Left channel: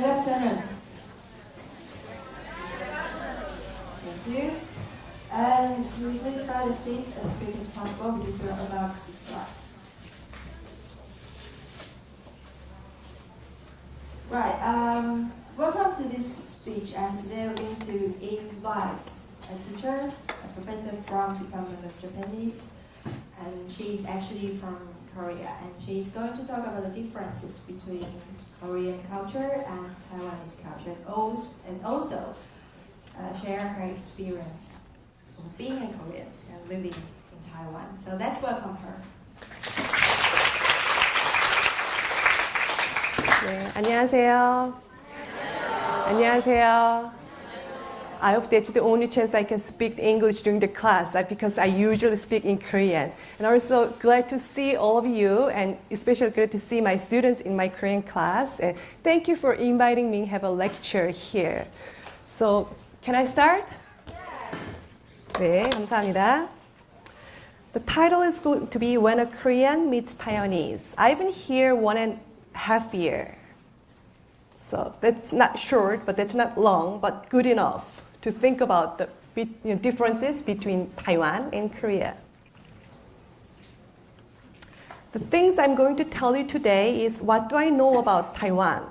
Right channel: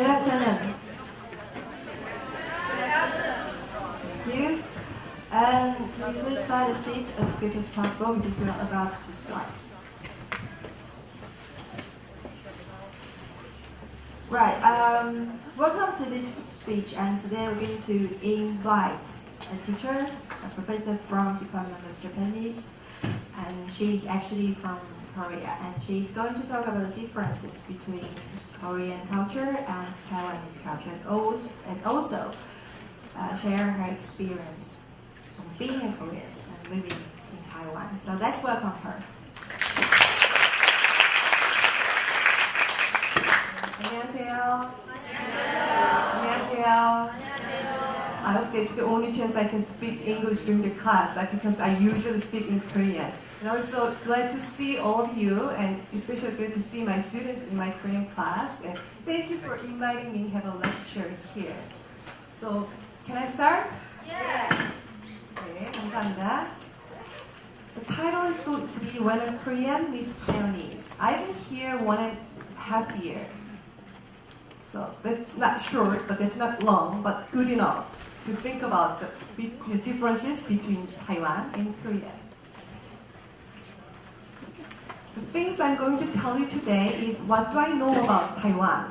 Good afternoon. Thank you. And please find a seat as quick as possible because we are about to start. Right. Welcome to this speech, and today we're going to invite a teacher, a professor from Department of Japanese, and she's actually from Korea, and she's going to talk about the differences between Korean culture and Taiwanese culture, and also share her experience from being a Korean and living in Taiwan. So let's welcome her. 네, 안녕하세요. 안녕하세요. I hope that's the only chance I can speak English during the class because I usually speak in Korean. And also glad to see all of you, and especially glad to see my students in my Korean class. And thank you for inviting me to have a lecture here. So, can I start? Yes. 네, 감사합니다. The title is going to be When a Korean Meets Taiwanese. I've been here 1.5 years. So that's not short, but that's not long, but good enough to think about the differences between Taiwan and Korea. The things I'm going to tell you today is what do I know about Taiwan,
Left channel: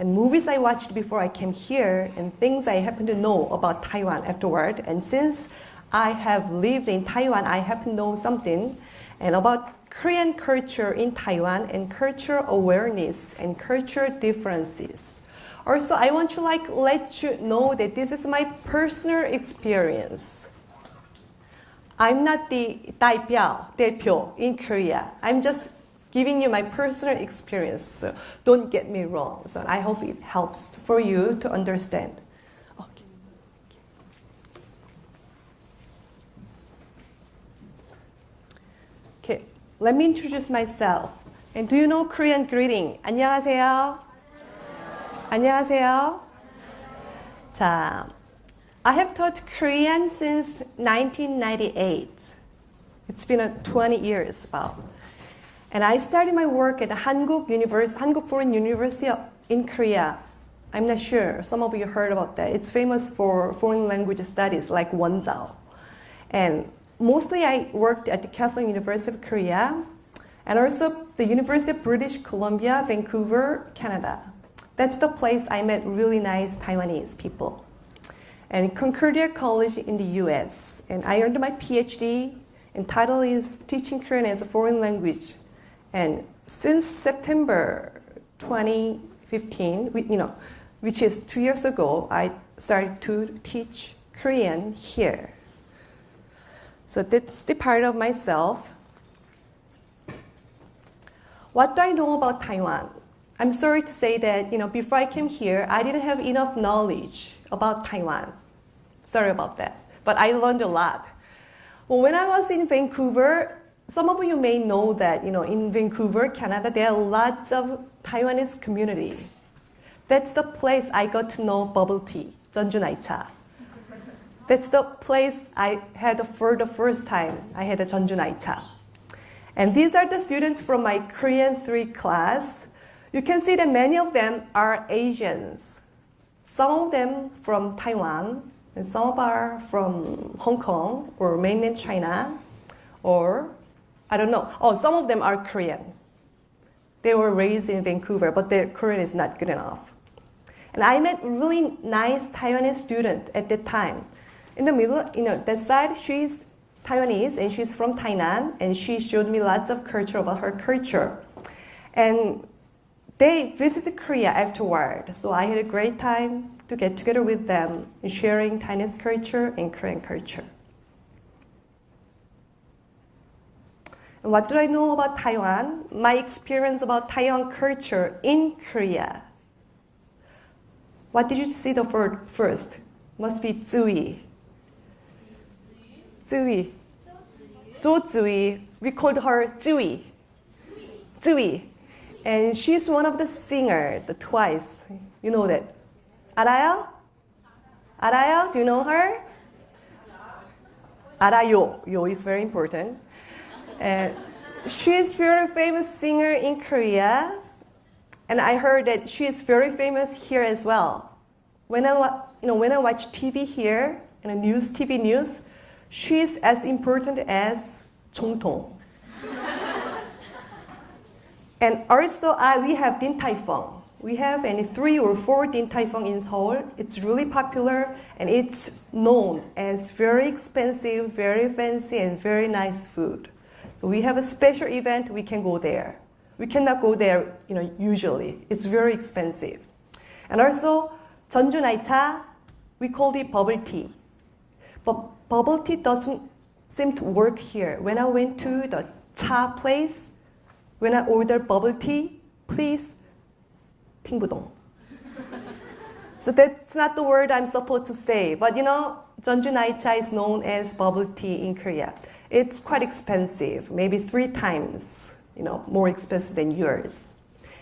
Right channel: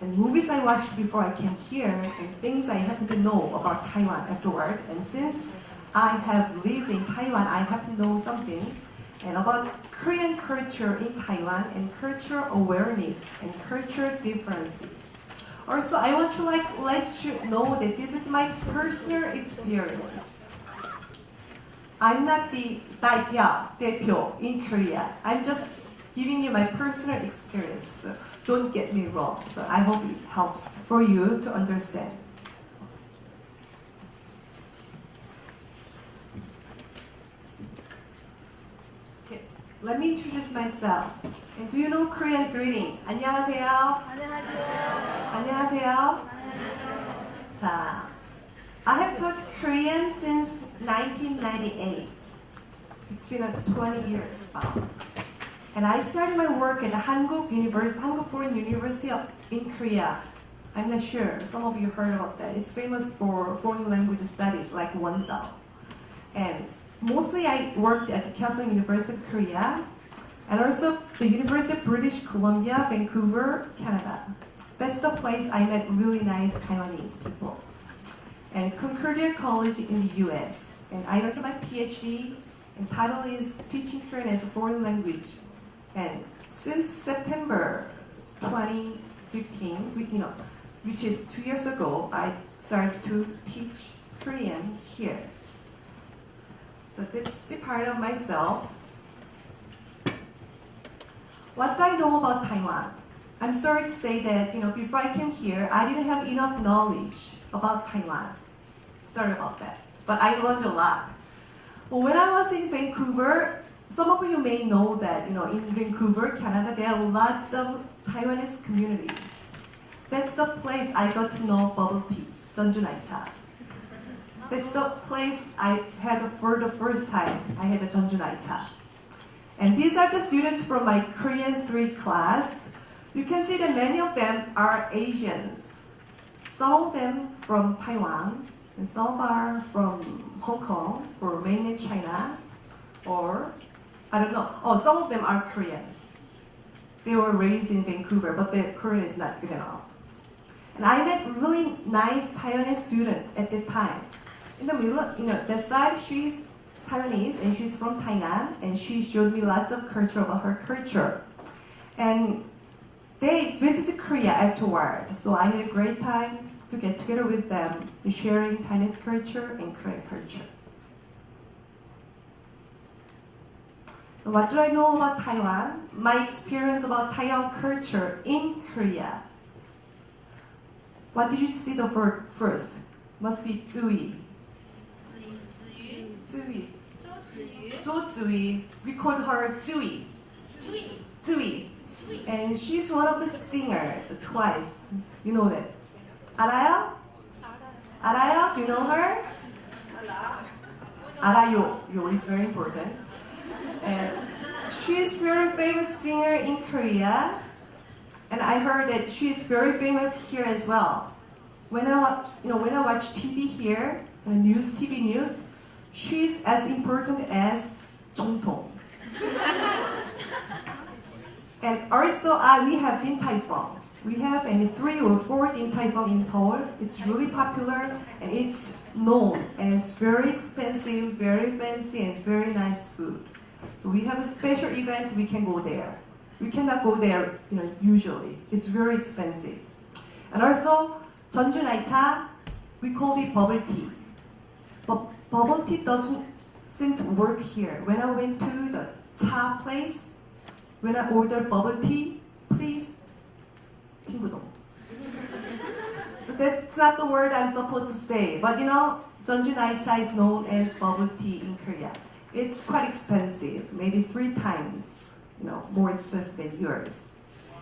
and movies I watched before I came here, and things I happen to know about Taiwan afterward. And since I have lived in Taiwan, I happen to know something and about Korean culture in Taiwan and cultural awareness and cultural differences. Also, I want to let you know that this is my personal experience. I'm not the 대표 in Korea. I'm just giving you my personal experience. So don't get me wrong. So I hope it helps for you to understand. Okay, let me introduce myself. And do you know Korean greeting? 안녕하세요. 안녕하세요. 자, I have taught Korean since 1998. It's been 20 years about. And I started my work at Hankuk Foreign University in Korea. I'm not sure, some of you heard about that. It's famous for foreign language studies like文藻. And mostly I worked at the Catholic University of Korea and also the University of British Columbia, Vancouver, Canada. That's the place I met really nice Taiwanese people. And Concordia College in the US. And I earned my PhD, and title is Teaching Korean as a Foreign Language. And since September 2015, which is 2 years ago, I started to teach Korean here. So that's the part of myself. What do I know about Taiwan? I'm sorry to say that, before I came here, I didn't have enough knowledge about Taiwan. Sorry about that. But I learned a lot. Well, when I was in Vancouver, some of you may know that, in Vancouver, Canada, there are lots of Taiwanese community. That's the place I got to know bubble tea, 전주날차. That's the place I had for the first time. I had a 전주날차. And these are the students from my Korean 3 class. You can see that many of them are Asians. Some of them from Taiwan, and some are from Hong Kong or mainland China, or I don't know. Oh, some of them are Korean. They were raised in Vancouver, but their Korean is not good enough. And I met really nice Taiwanese student at that time. In the middle, that side, she's Taiwanese and she's from Tainan, and she showed me lots of culture about her culture. And they visited Korea afterward, so I had a great time to get together with them, sharing Taiwanese culture and Korean culture. And what do I know about Taiwan? My experience about Taiwan culture in Korea. What did you see the word first? Must be Zui. Zui. Zui. We called her Zui. Zui. And she's one of the singers, the Twice. You know that. 알아요? 알아요? Do you know her? 알아요. Yo is very important. And she's very famous singer in Korea. And I heard that she is very famous here as well. When I watch TV here, and TV news, she's as important as总统. And also, we have Din Tai Fung. We have 3 or 4 Din Tai Fung in Seoul. It's really popular, and it's known as very expensive, very fancy, and very nice food. So we have a special event, we can go there. We cannot go there, usually. It's very expensive. And also, 전주 날차, we call it bubble tea. But bubble tea doesn't seem to work here. When I went to the cha place, when I ordered bubble tea, please, 팅부동. So that's not the word I'm supposed to say. But 전주 날차 is known as bubble tea in Korea. It's quite expensive, maybe 3 times, more expensive than yours.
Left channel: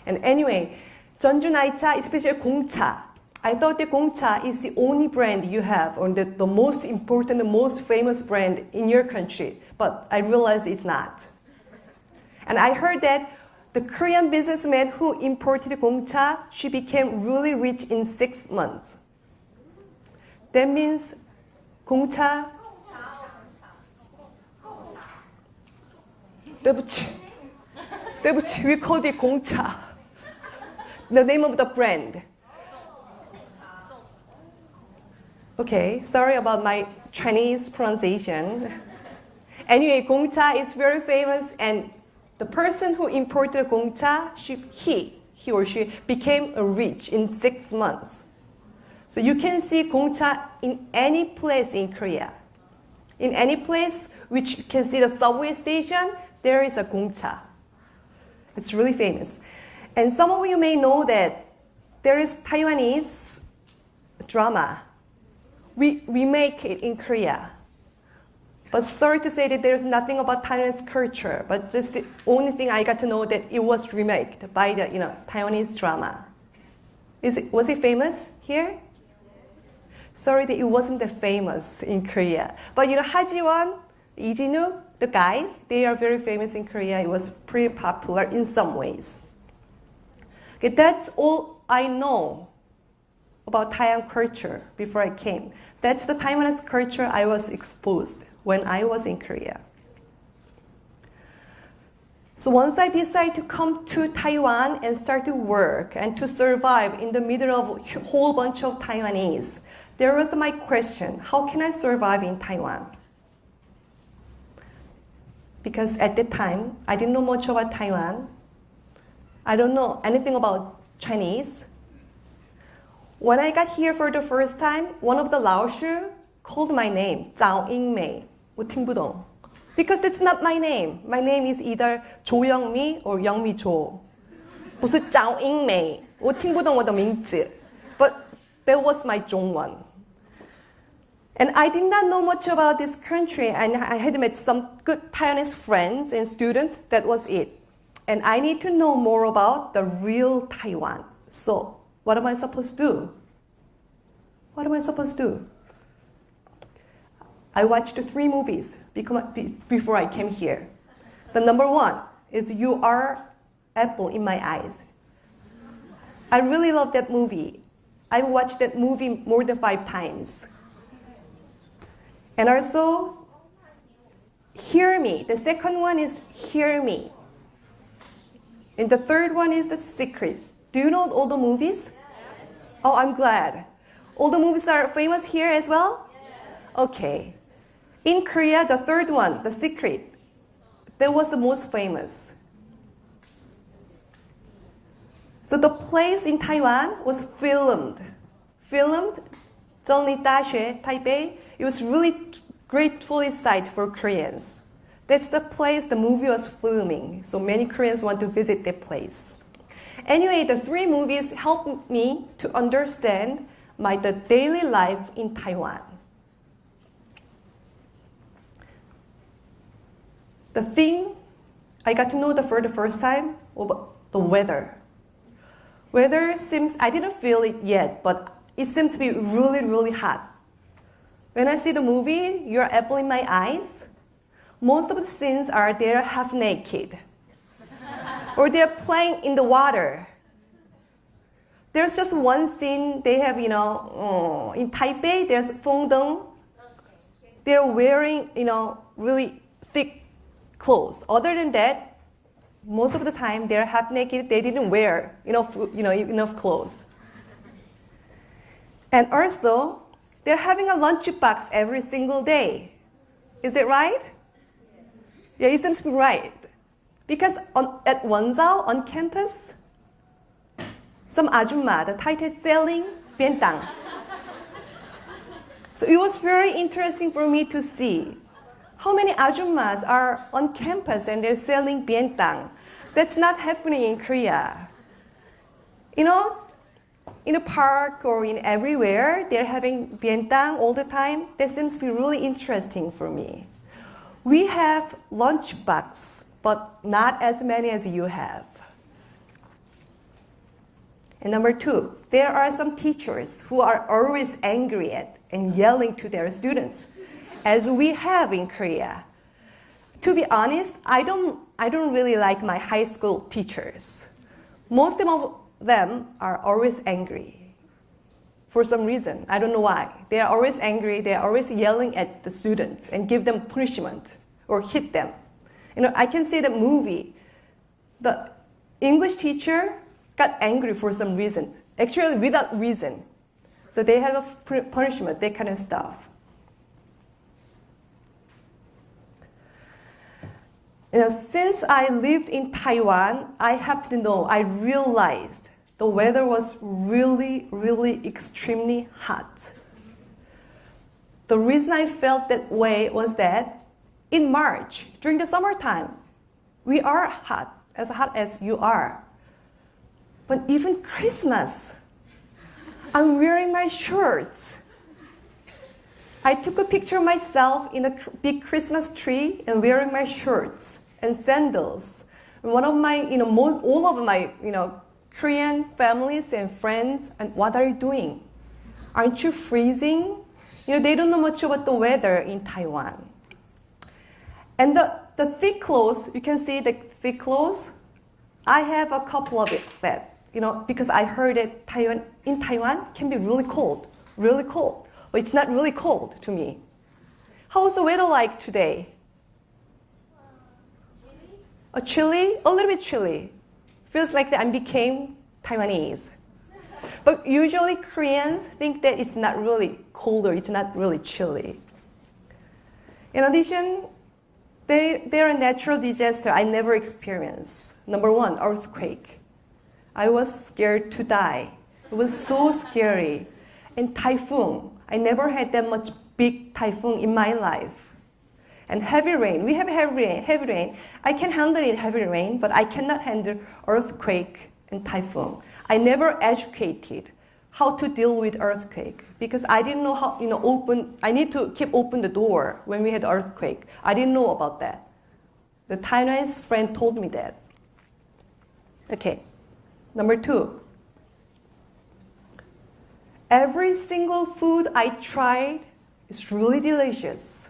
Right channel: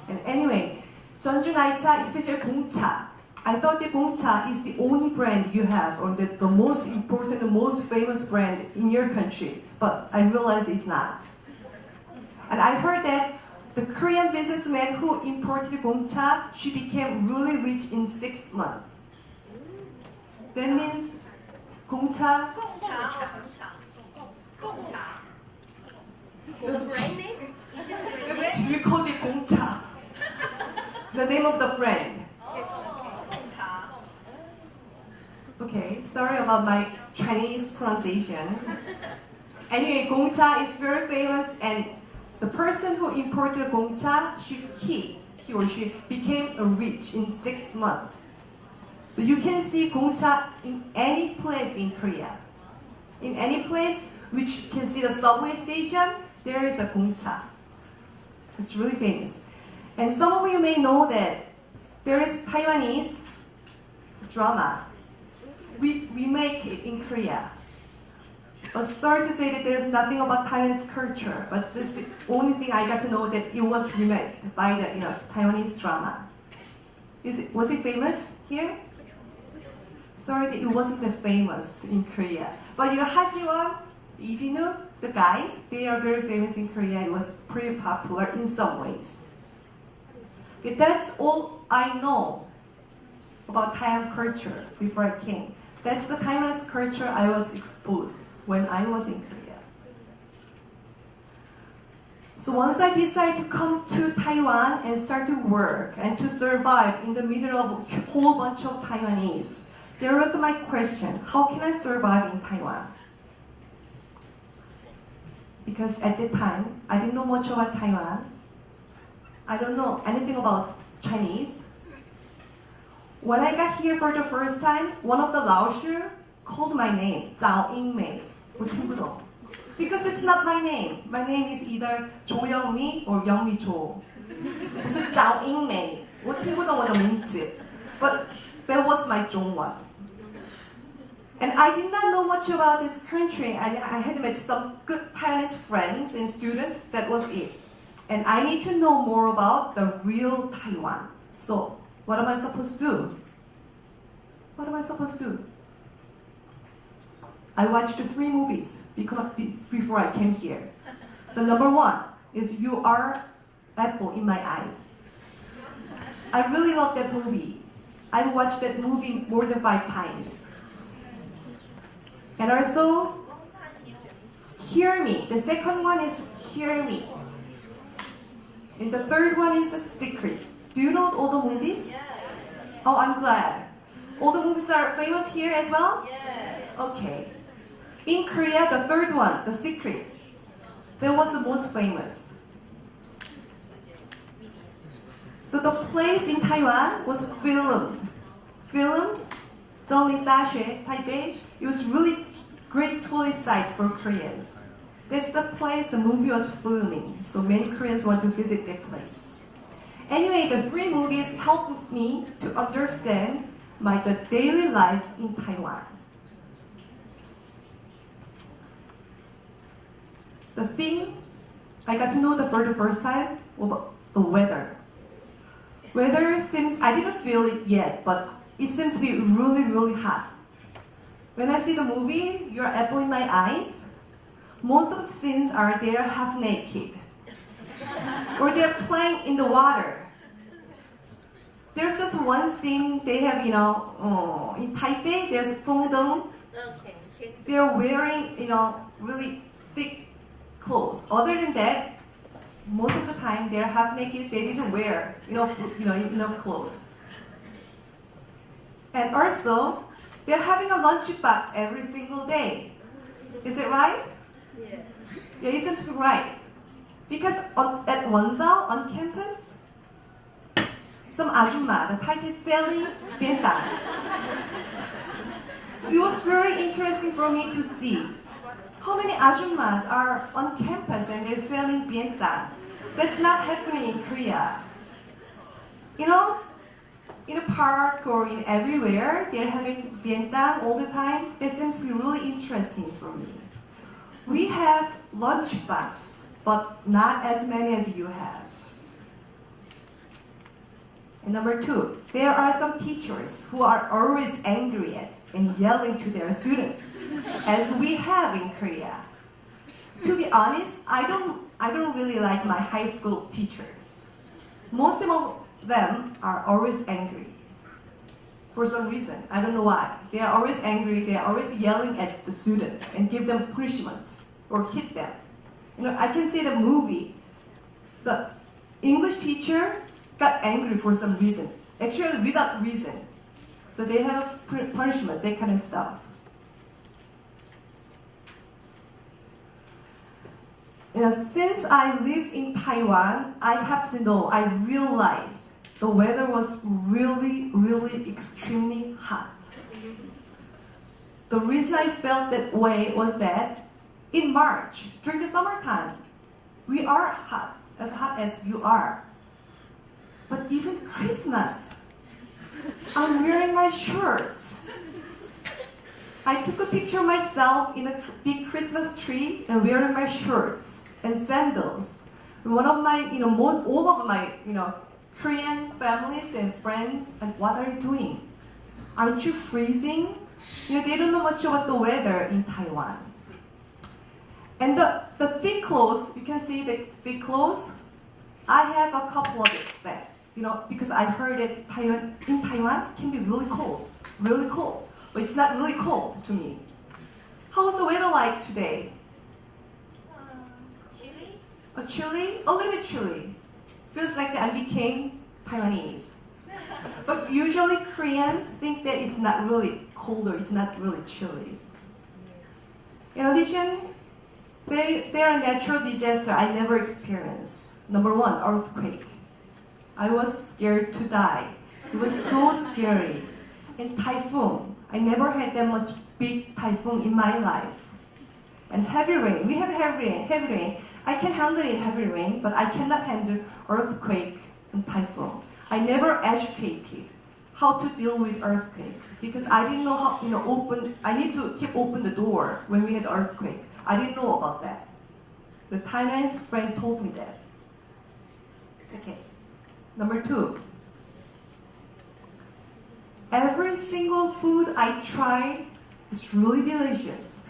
And anyway, 전주 날차, especially 공차. I thought that 공차 is the only brand you have, or the most important, the most famous brand in your country. But I realized it's not. And I heard that the Korean businessman who imported 공차, she became really rich in 6 months. That means 공차. We called it 공차. The name of the brand. Okay, sorry about my Chinese pronunciation. Anyway, 공차 is very famous, and the person who imported 공차, he or she became rich in 6 months. So you can see 공차 in any place in Korea. In any place which you can see the subway station, there is a 공차. It's really famous. And some of you may know that there is Taiwanese drama. We make it in Korea. But sorry to say that there's nothing about Taiwanese culture, but just the only thing I got to know that it was remade by the Taiwanese drama. Was it famous here? Sorry that it wasn't that famous in Korea. But 하지원, 이진우, the guys, they are very famous in Korea. It was pretty popular in some ways. Okay, that's all I know about Taiwan culture before I came. That's the Taiwanese culture I was exposed when I was in Korea. So once I decided to come to Taiwan and start to work and to survive in the middle of a whole bunch of Taiwanese, there was my question, how can I survive in Taiwan? Because at that time, I didn't know much about Taiwan. I don't know anything about Chinese. When I got here for the first time, one of the Laoshi called my name, Zhao Yingmei, 우팅부동. Because that's not my name. My name is either 조영미 or 영미조. 不是赵英美，我听不懂我的名字. But that was my 中文. And I did not know much about this country, and I had met some good Taiwanese friends and students. That was it. And I need to know more about the real Taiwan. So, what am I supposed to do? What am I supposed to do? I watched 3 movies before I came here. The number 1 is You Are Apple in My Eyes. I really love that movie. I watched that movie more than 5 times. And also, Hear Me. The second one is Hear Me. And the third one is The Secret. Do you know all the movies? Yes. Oh, I'm glad. All the movies are famous here as well? Yes. Okay. In Korea, the third one, The Secret, that was the most famous. So the place in Taiwan was filmed. Zhongli Daxue, Taipei. It was really great tourist site for Koreans. That's the place the movie was filming. So many Koreans want to visit that place. Anyway, the 3 movies helped me to understand the daily life in Taiwan. The thing I got to know for the first time was the weather. Weather seems, I didn't feel it yet, but it seems to be really, really hot. When I see the movie, Your Apple in My Eyes, most of the scenes are they're half naked. Or they're playing in the water. there's just one thing they have, in Taipei, there's Fengdeng. They're wearing, really thick clothes. Other than that, most of the time they're half naked. They didn't wear enough clothes. And also, they're having a lunchbox every single day. Is it right? Yes. Yeah, it seems to be right. Because at Wonzao, on campus, some ajumma, the title is selling bientang. So it was very interesting for me to see how many ajummas are on campus and they're selling bientang. That's not happening in Korea. In a park or in everywhere, they're having bientang all the time. That seems to be really interesting for me. We have lunchbox, but not as many as you have. And number 2, there are some teachers who are always angry at and yelling to their students, as we have in Korea. To be honest, I don't really like my high school teachers. Most of them are always angry. For some reason, I don't know why. They are always angry, they are always yelling at the students and give them punishment or hit them. I can see the movie. The English teacher got angry for some reason, actually without reason. So they have a punishment, that kind of stuff. Since I lived in Taiwan, I realized the weather was really, really extremely hot. The reason I felt that way was that in March, during the summertime, we are hot as you are. But even Christmas, I'm wearing my shorts. I took a picture of myself in a big Christmas tree and wearing my shorts and sandals. One of my, all of my, Korean families and friends, and what are you doing? Aren't you freezing? They don't know much about the weather in Taiwan. And the thick clothes, you can see the thick clothes. I have a couple of that, because I heard that in Taiwan can be really cold. But it's not really cold to me. How's the weather like today? Chilly? A little bit chilly. Feels like that I became Taiwanese. But usually Koreans think that it's not really cold or it's not really chilly. In addition, there are natural disasters I never experienced. Number 1, earthquake. I was scared to die. It was so scary. And typhoon. I never had that much big typhoon in my life. And heavy rain. We have heavy rain. I can handle it heavy rain, but I cannot handle earthquake and typhoon. I never educated how to deal with earthquake because I didn't know how, I need to keep open the door when we had earthquake. I didn't know about that. The Taiwanese friend told me that. Okay. Number 2. Every single food I try is really delicious.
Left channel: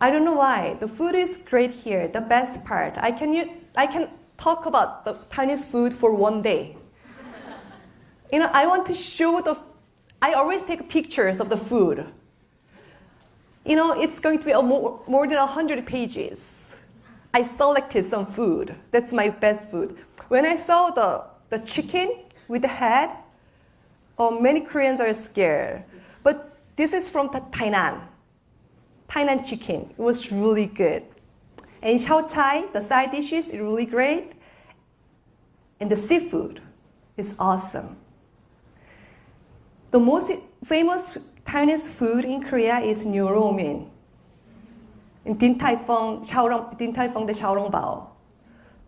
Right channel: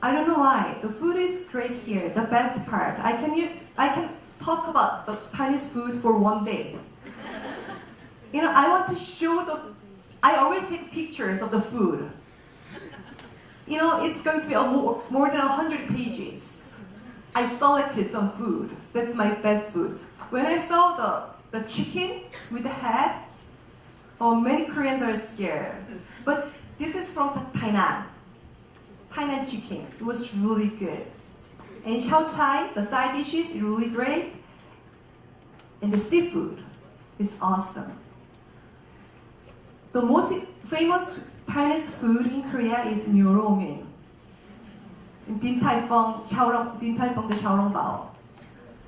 I don't know why. The food is great here. The best part. I can talk about the Chinese food for one day. I want to show I always take pictures of the food. It's going to be more than 100 pages. I selected some food. That's my best food. When I saw the chicken with the head, many Koreans are scared. But this is from Tainan chicken. It was really good. And xiao chai, the side dishes, is really great. And the seafood is awesome. The most famous Chinese food in Korea is 뉴로민. And Din Tai Fung, the xiaolongbao.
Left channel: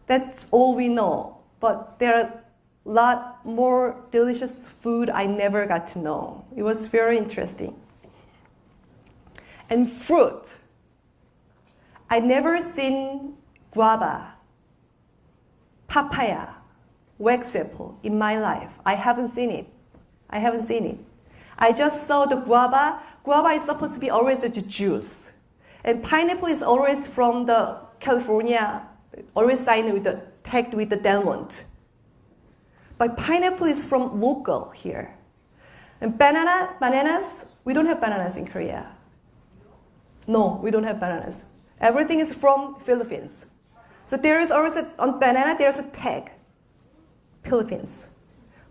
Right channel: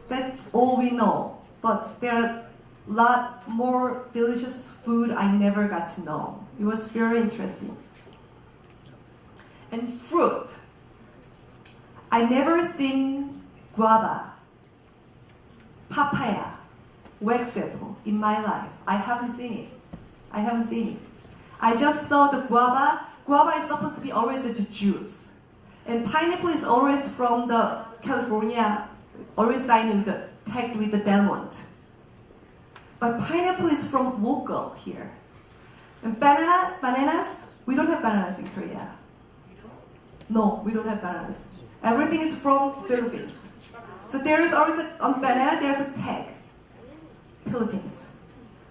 That's all we know. But there are a lot more delicious food I never got to know. It was very interesting. And fruit. I never seen guava, papaya, wax apple in my life. I haven't seen it. I just saw the guava. Guava is supposed to be always the juice. And pineapple is always from the California, always tagged with the Delmont. But pineapple is from local here. And bananas, we don't have bananas in Korea. No, we don't have bananas. Everything is from Philippines. So there is also, on banana, there's a tag, Philippines.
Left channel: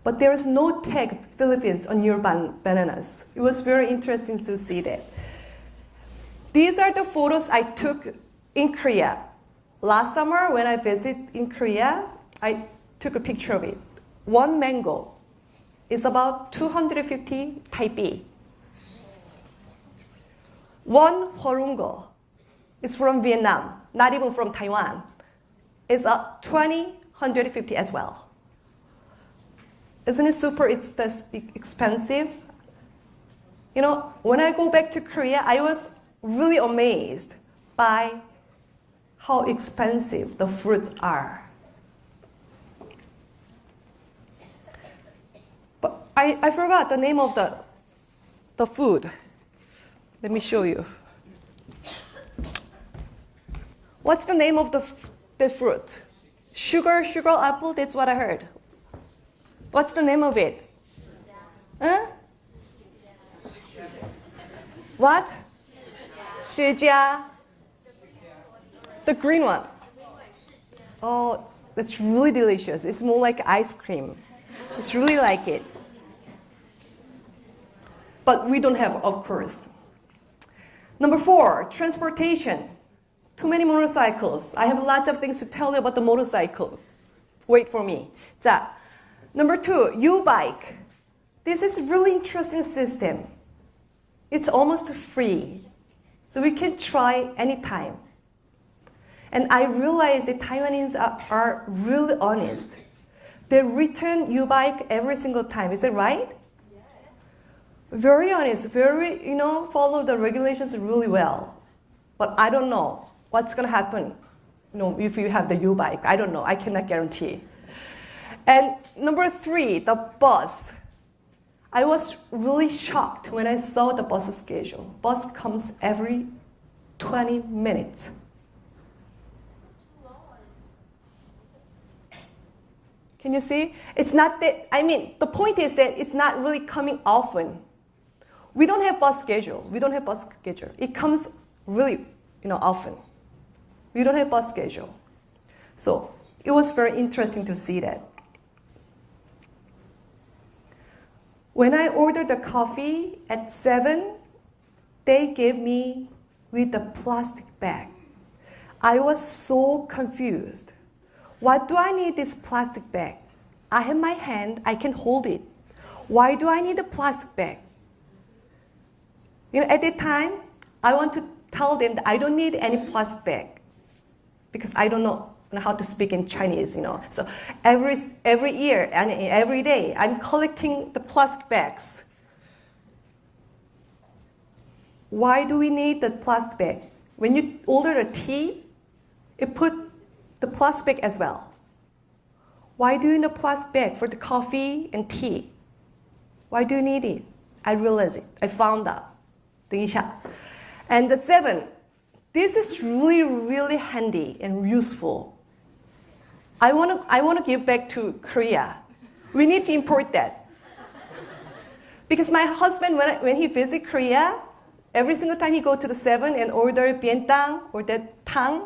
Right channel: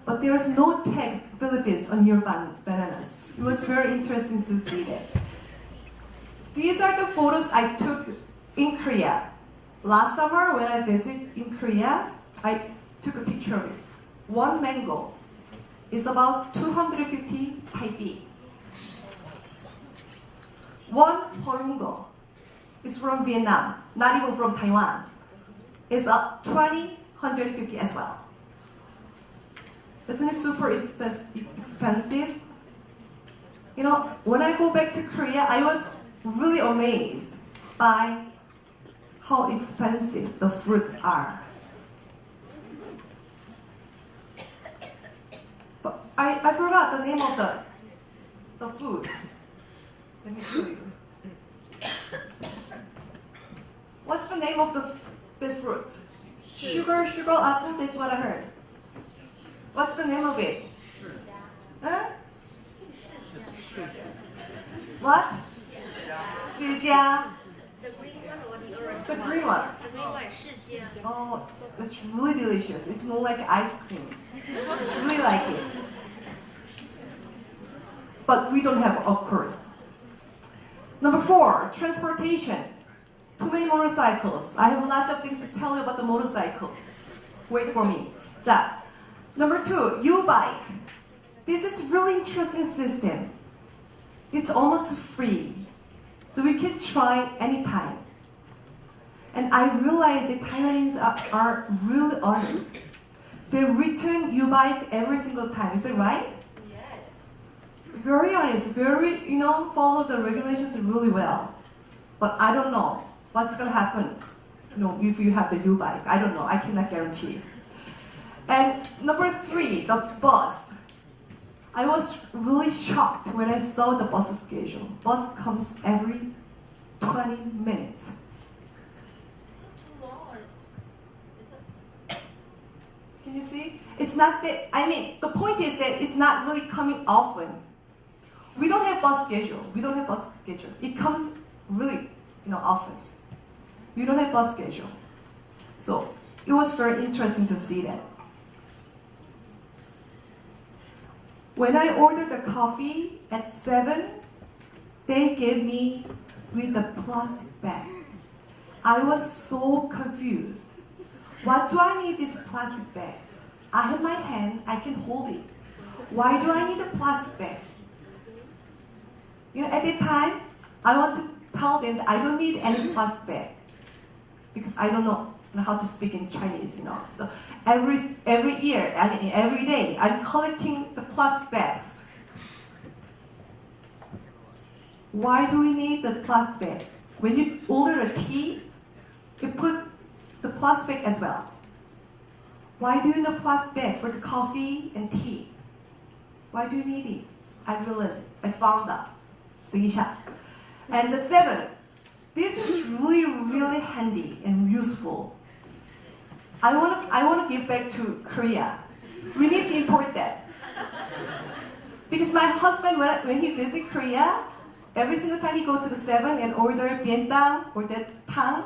But there is no tag, Philippines, on your bananas. It was very interesting to see that. These are the photos I took in Korea. Last summer, when I visited in Korea, I took a picture of it. One mango is about 250 Taipei. One horungo is from Vietnam, not even from Taiwan. It's up 150 as well. Isn't it super expensive? You know, when I go back to Korea, I was really amazed by how expensive the fruits are. But I forgot the name of the food. Let me show you. What's the name of the fruit? Sugar apple, that's what I heard. What's the name of it? Huh? What? Shijia. The green one. Oh, that's really delicious. It's more like ice cream. It's really like it. But we don't have, of course. Number 4, transportation. Too many motorcycles. I have lots of things to tell you about the motorcycle. Wait for me. 자, number 2, U-bike. This is a really interesting system. It's almost free. So we can try anytime. And I realize that Taiwanese are really honest. They return U-bike every single time. Is that right? Very honest, very, follow the regulations really well. But I don't know what's going to happen, if you have the U-bike. I don't know. I cannot guarantee. And number 3, the bus. I was really shocked when I saw the bus schedule. Bus comes every 20 minutes. Can you see? It's not that, the point is that it's not really coming often. We don't have bus schedule. It comes really, often. We don't have bus schedule. So it was very interesting to see that. When I ordered the coffee at 7, they gave me with a plastic bag. I was so confused. What do I need this plastic bag? I have my hand, I can hold it. Why do I need a plastic bag? At that time, I want to tell them that I don't need any plastic bag because I don't know how to speak in Chinese, So every year and every day, I'm collecting the plastic bags. Why do we need the plastic bag? When you order a tea, you put the plastic bag as well. Why do you need a plastic bag for the coffee and tea? Why do you need it? I realized it. I found out. And the 7, this is really, really handy and useful. I want to give back to Korea. We need to import that. Because my husband, when he visits Korea, every single time he go to the 7 and order bientang or the tang,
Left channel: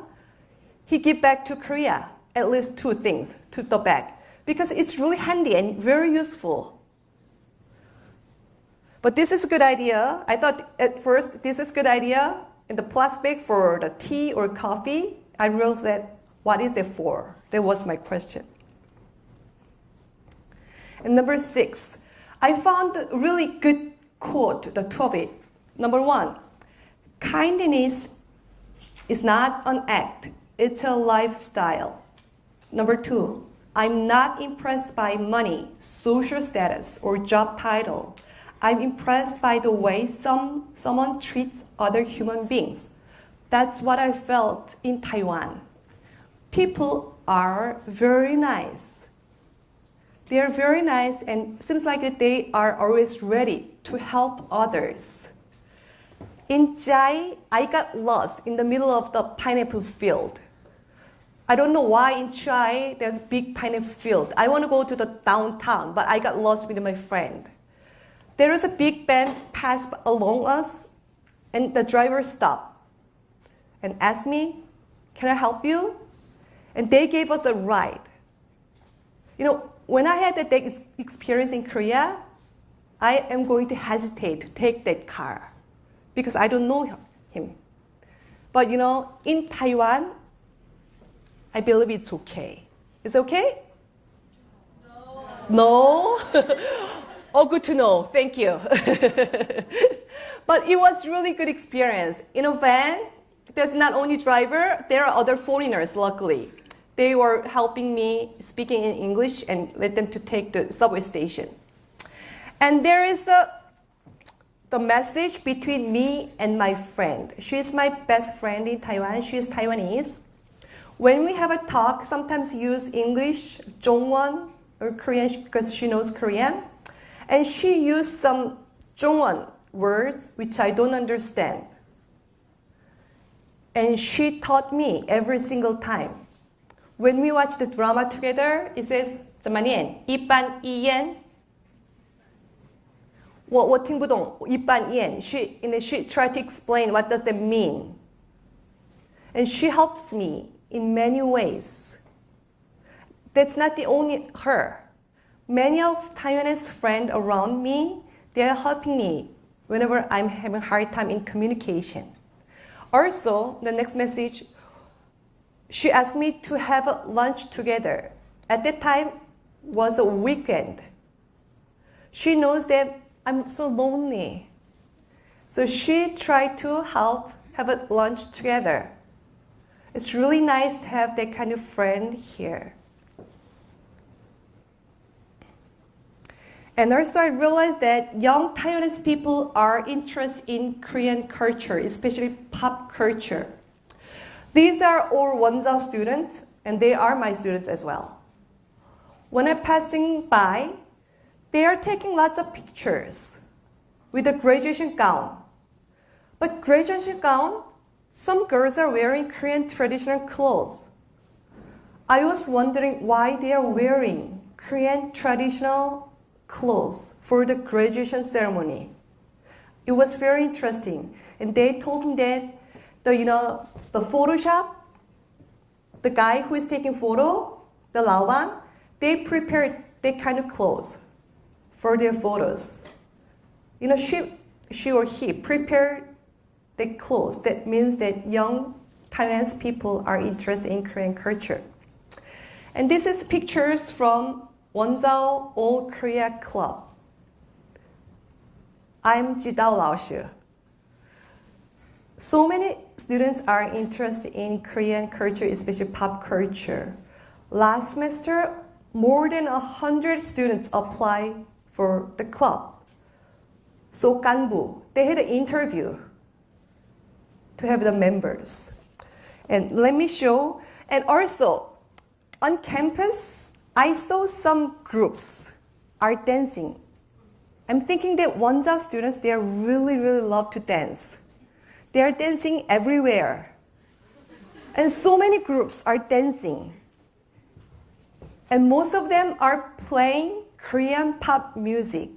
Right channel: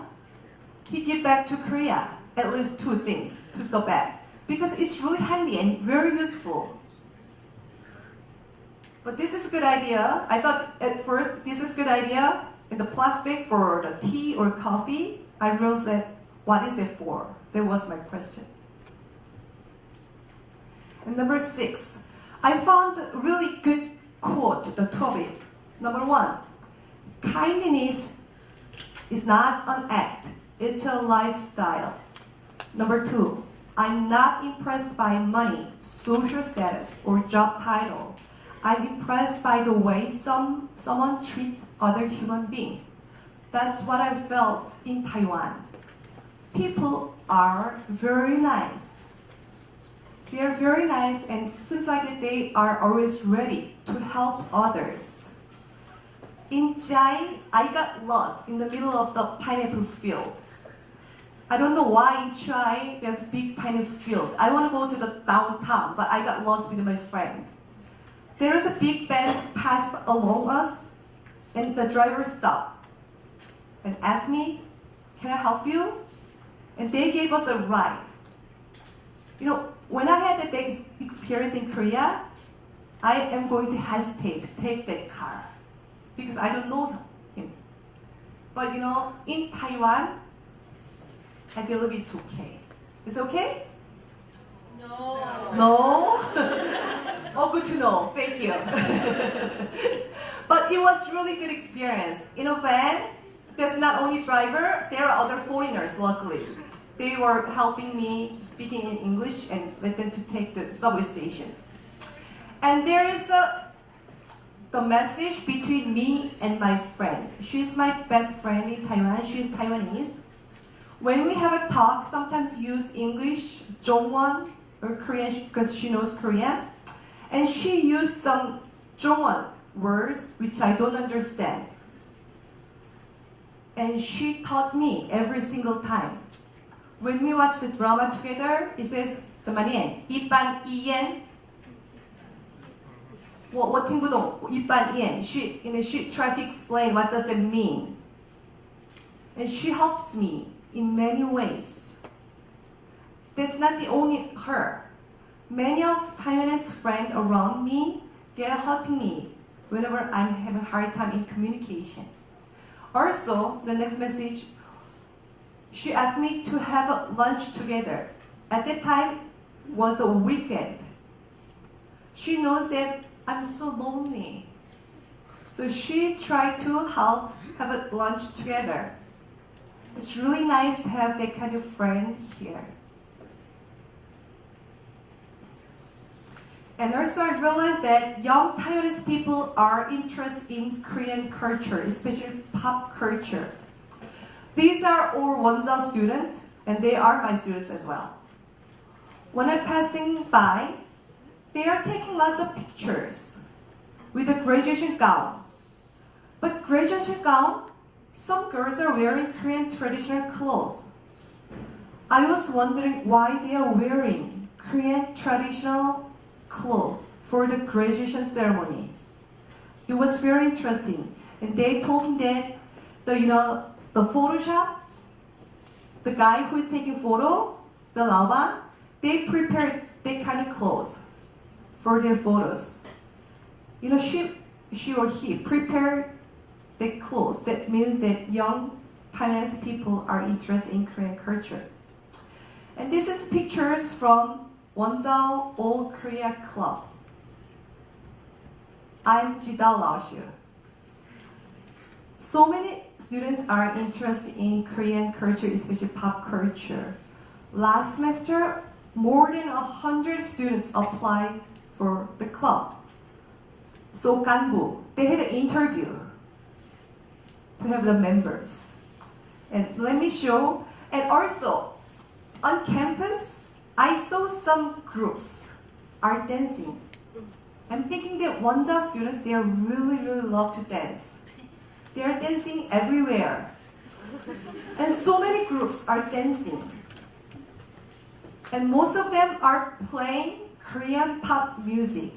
he give back to Korea at least 2 things to the bag. Because it's really handy and very useful. But this is a good idea. I thought at first this is a good idea. In the plastic for the tea or coffee, I realized that what is it for? That was my question. And number 6, I found a really good quote, the 2 of it. Number 1, kindness is not an act, it's a lifestyle. Number 2, I'm not impressed by money, social status, or job title. I'm impressed by the way someone treats other human beings. That's what I felt in Taiwan. People are very nice. They are very nice and it seems like that they are always ready to help others. In Chai, I got lost in the middle of the pineapple field. I don't know why in Chai there's a big kind of field. I want to go to the downtown, but I got lost with my friend. There was a big band passed along us, and the driver stopped and asked me, "Can I help you?" And they gave us a ride. You know, when I had that experience in Korea, I am going to hesitate to take that car because I don't know him. But you know, in Taiwan, I believe it's okay. It's okay? No. No? Oh, good to know. Thank you. But it was really good experience. In a van, there's not only driver, there are other foreigners, luckily. They were helping me speaking in English and let them to take the subway station. And there is the message between me and my friend. She's my best friend in Taiwan. She's Taiwanese. When we have a talk, sometimes use English, Zhongwon, or Korean because she knows Korean. And she used some Zhongwon words which I don't understand. And she taught me every single time. When we watch the drama together, it says, 怎么念? 一般一言. 我听不懂一般言. She tried to explain what does that mean. And she helps me in many ways. That's not the only her. Many of Taiwanese friends around me, they are helping me whenever I'm having a hard time in communication. Also, the next message, she asked me to have a lunch together. At that time, was a weekend. She knows that I'm so lonely. So she tried to help have a lunch together. It's really nice to have that kind of friend here. And also I realized that young Taiwanese people are interested in Korean culture, especially pop culture. These are all Wonzao students, and they are my students as well. When I'm passing by, they are taking lots of pictures with a graduation gown. But graduation gown, some girls are wearing Korean traditional clothes. I was wondering why they are wearing Korean traditional clothes for the graduation ceremony. It was very interesting. And they told me that the Photoshop, the guy who is taking photo, the Laoban, they prepared that kind of clothes for their photos. She or he prepared the clothes. That means that young Taiwanese people are interested in Korean culture. And this is pictures from Wonzao All Korea Club. I'm Jidao Laoshi. So many students are interested in Korean culture, especially pop culture. Last semester, more than 100 students applied for the club. So Ganbu, they had an interview to have the members. And let me show, and also on campus, I saw some groups are dancing. I'm thinking that Wonzao students, they really love to dance. They are dancing everywhere. And so many groups are dancing. And most of them are playing Korean pop music.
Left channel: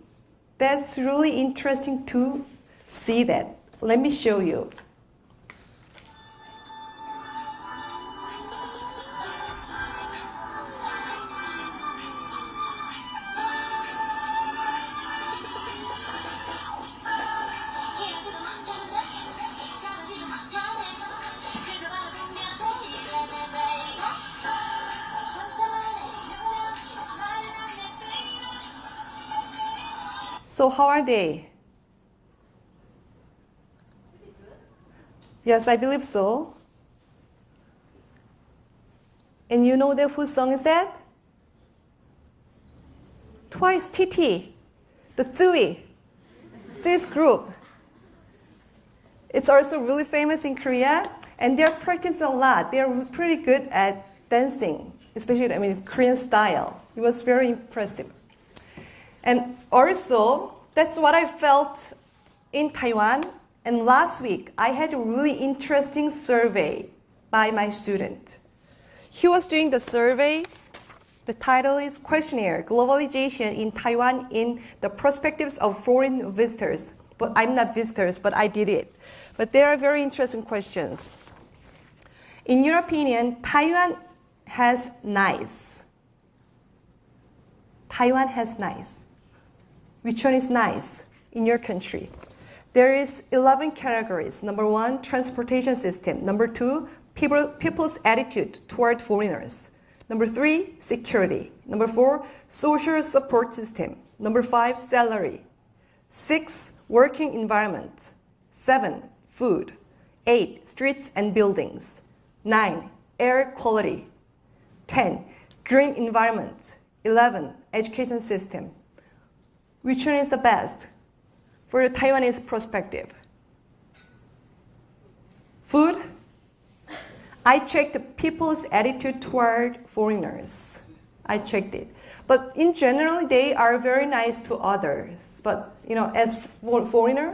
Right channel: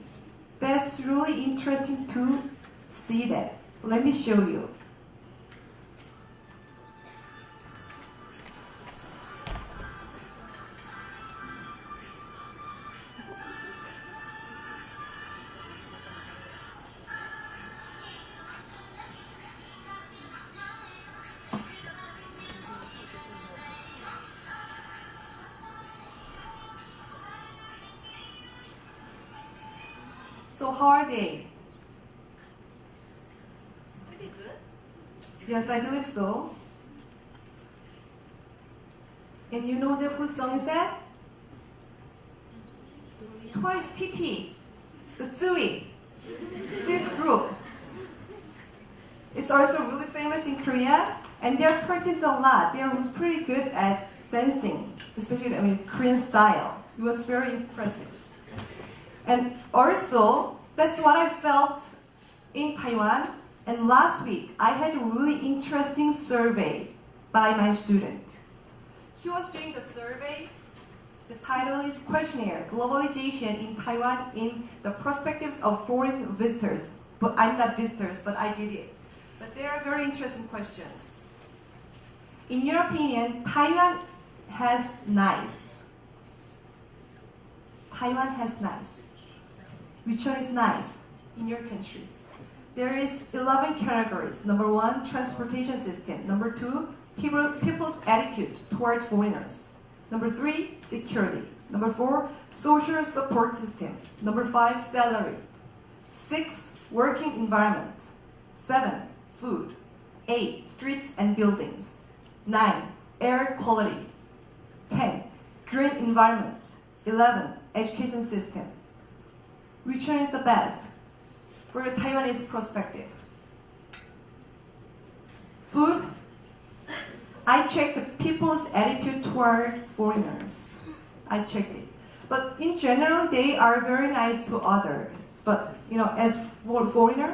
That's really interesting to see that. Let me show you. So how are they? Pretty good. Yes, I believe so. And you know that whose song is that? Twice TT, the Zui's group. It's also really famous in Korea, and they're practicing a lot. They're pretty good at dancing, especially Korean style. It was very impressive. And also, that's what I felt in Taiwan. And last week, I had a really interesting survey by my student. He was doing the survey. The title is Questionnaire, Globalization in Taiwan in the Perspectives of Foreign Visitors. But I'm not visitors, but I did it. But they are very interesting questions. In your opinion, Taiwan has nice. Taiwan has nice. Which one is nice in your country? There is 11 categories. Number 1, transportation system. Number 2, people's attitude toward foreigners. Number 3, security. Number 4, social support system. Number 5, salary. 6, working environment. 7, food. 8, streets and buildings. 9, air quality. 10, green environment. 11, education system. Which one is the best for the Taiwanese perspective? Food? I checked the people's attitude toward foreigners. I checked it. But in general, they are very nice to others. But, as for foreigner,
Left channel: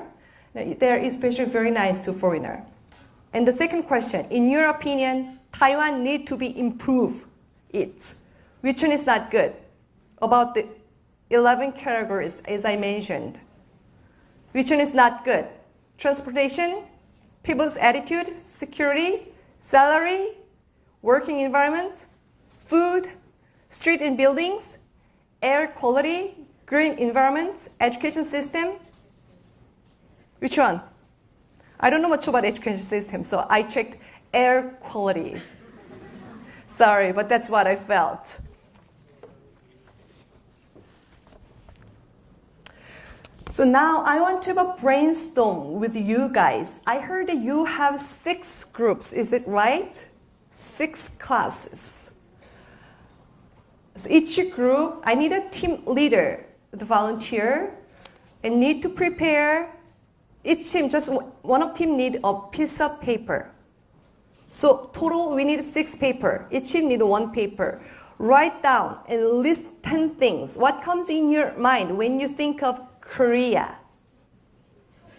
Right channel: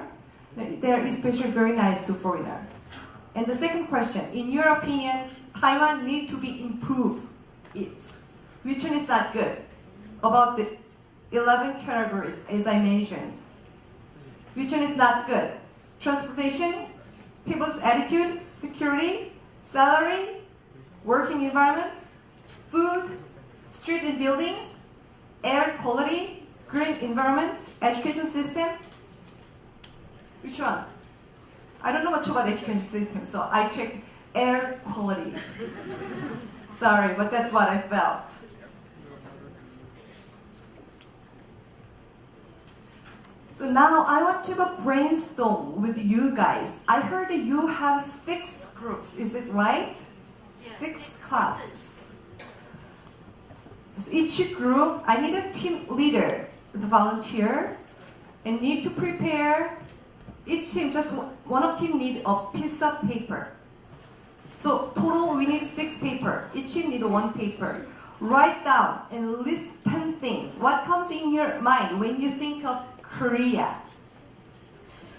they're especially very nice to foreigner. And the second question, in your opinion, Taiwan need to be improved it. Which one is not good? About the 11 categories, as I mentioned. Which one is not good? Transportation, people's attitude, security, salary, working environment, food, street and buildings, air quality, green environment, education system. Which one? I don't know much about education system, so I checked air quality. Sorry, but that's what I felt. So now I want to have a brainstorm with you guys. I heard that you have 6 groups, is it right? 6 classes. So each group, I need a team leader, the volunteer, and need to prepare. Each team, just one of team need a piece of paper. So total, we need 6 paper. Each team need 1 paper. Write down and list 10 things. What comes in your mind when you think of Korea?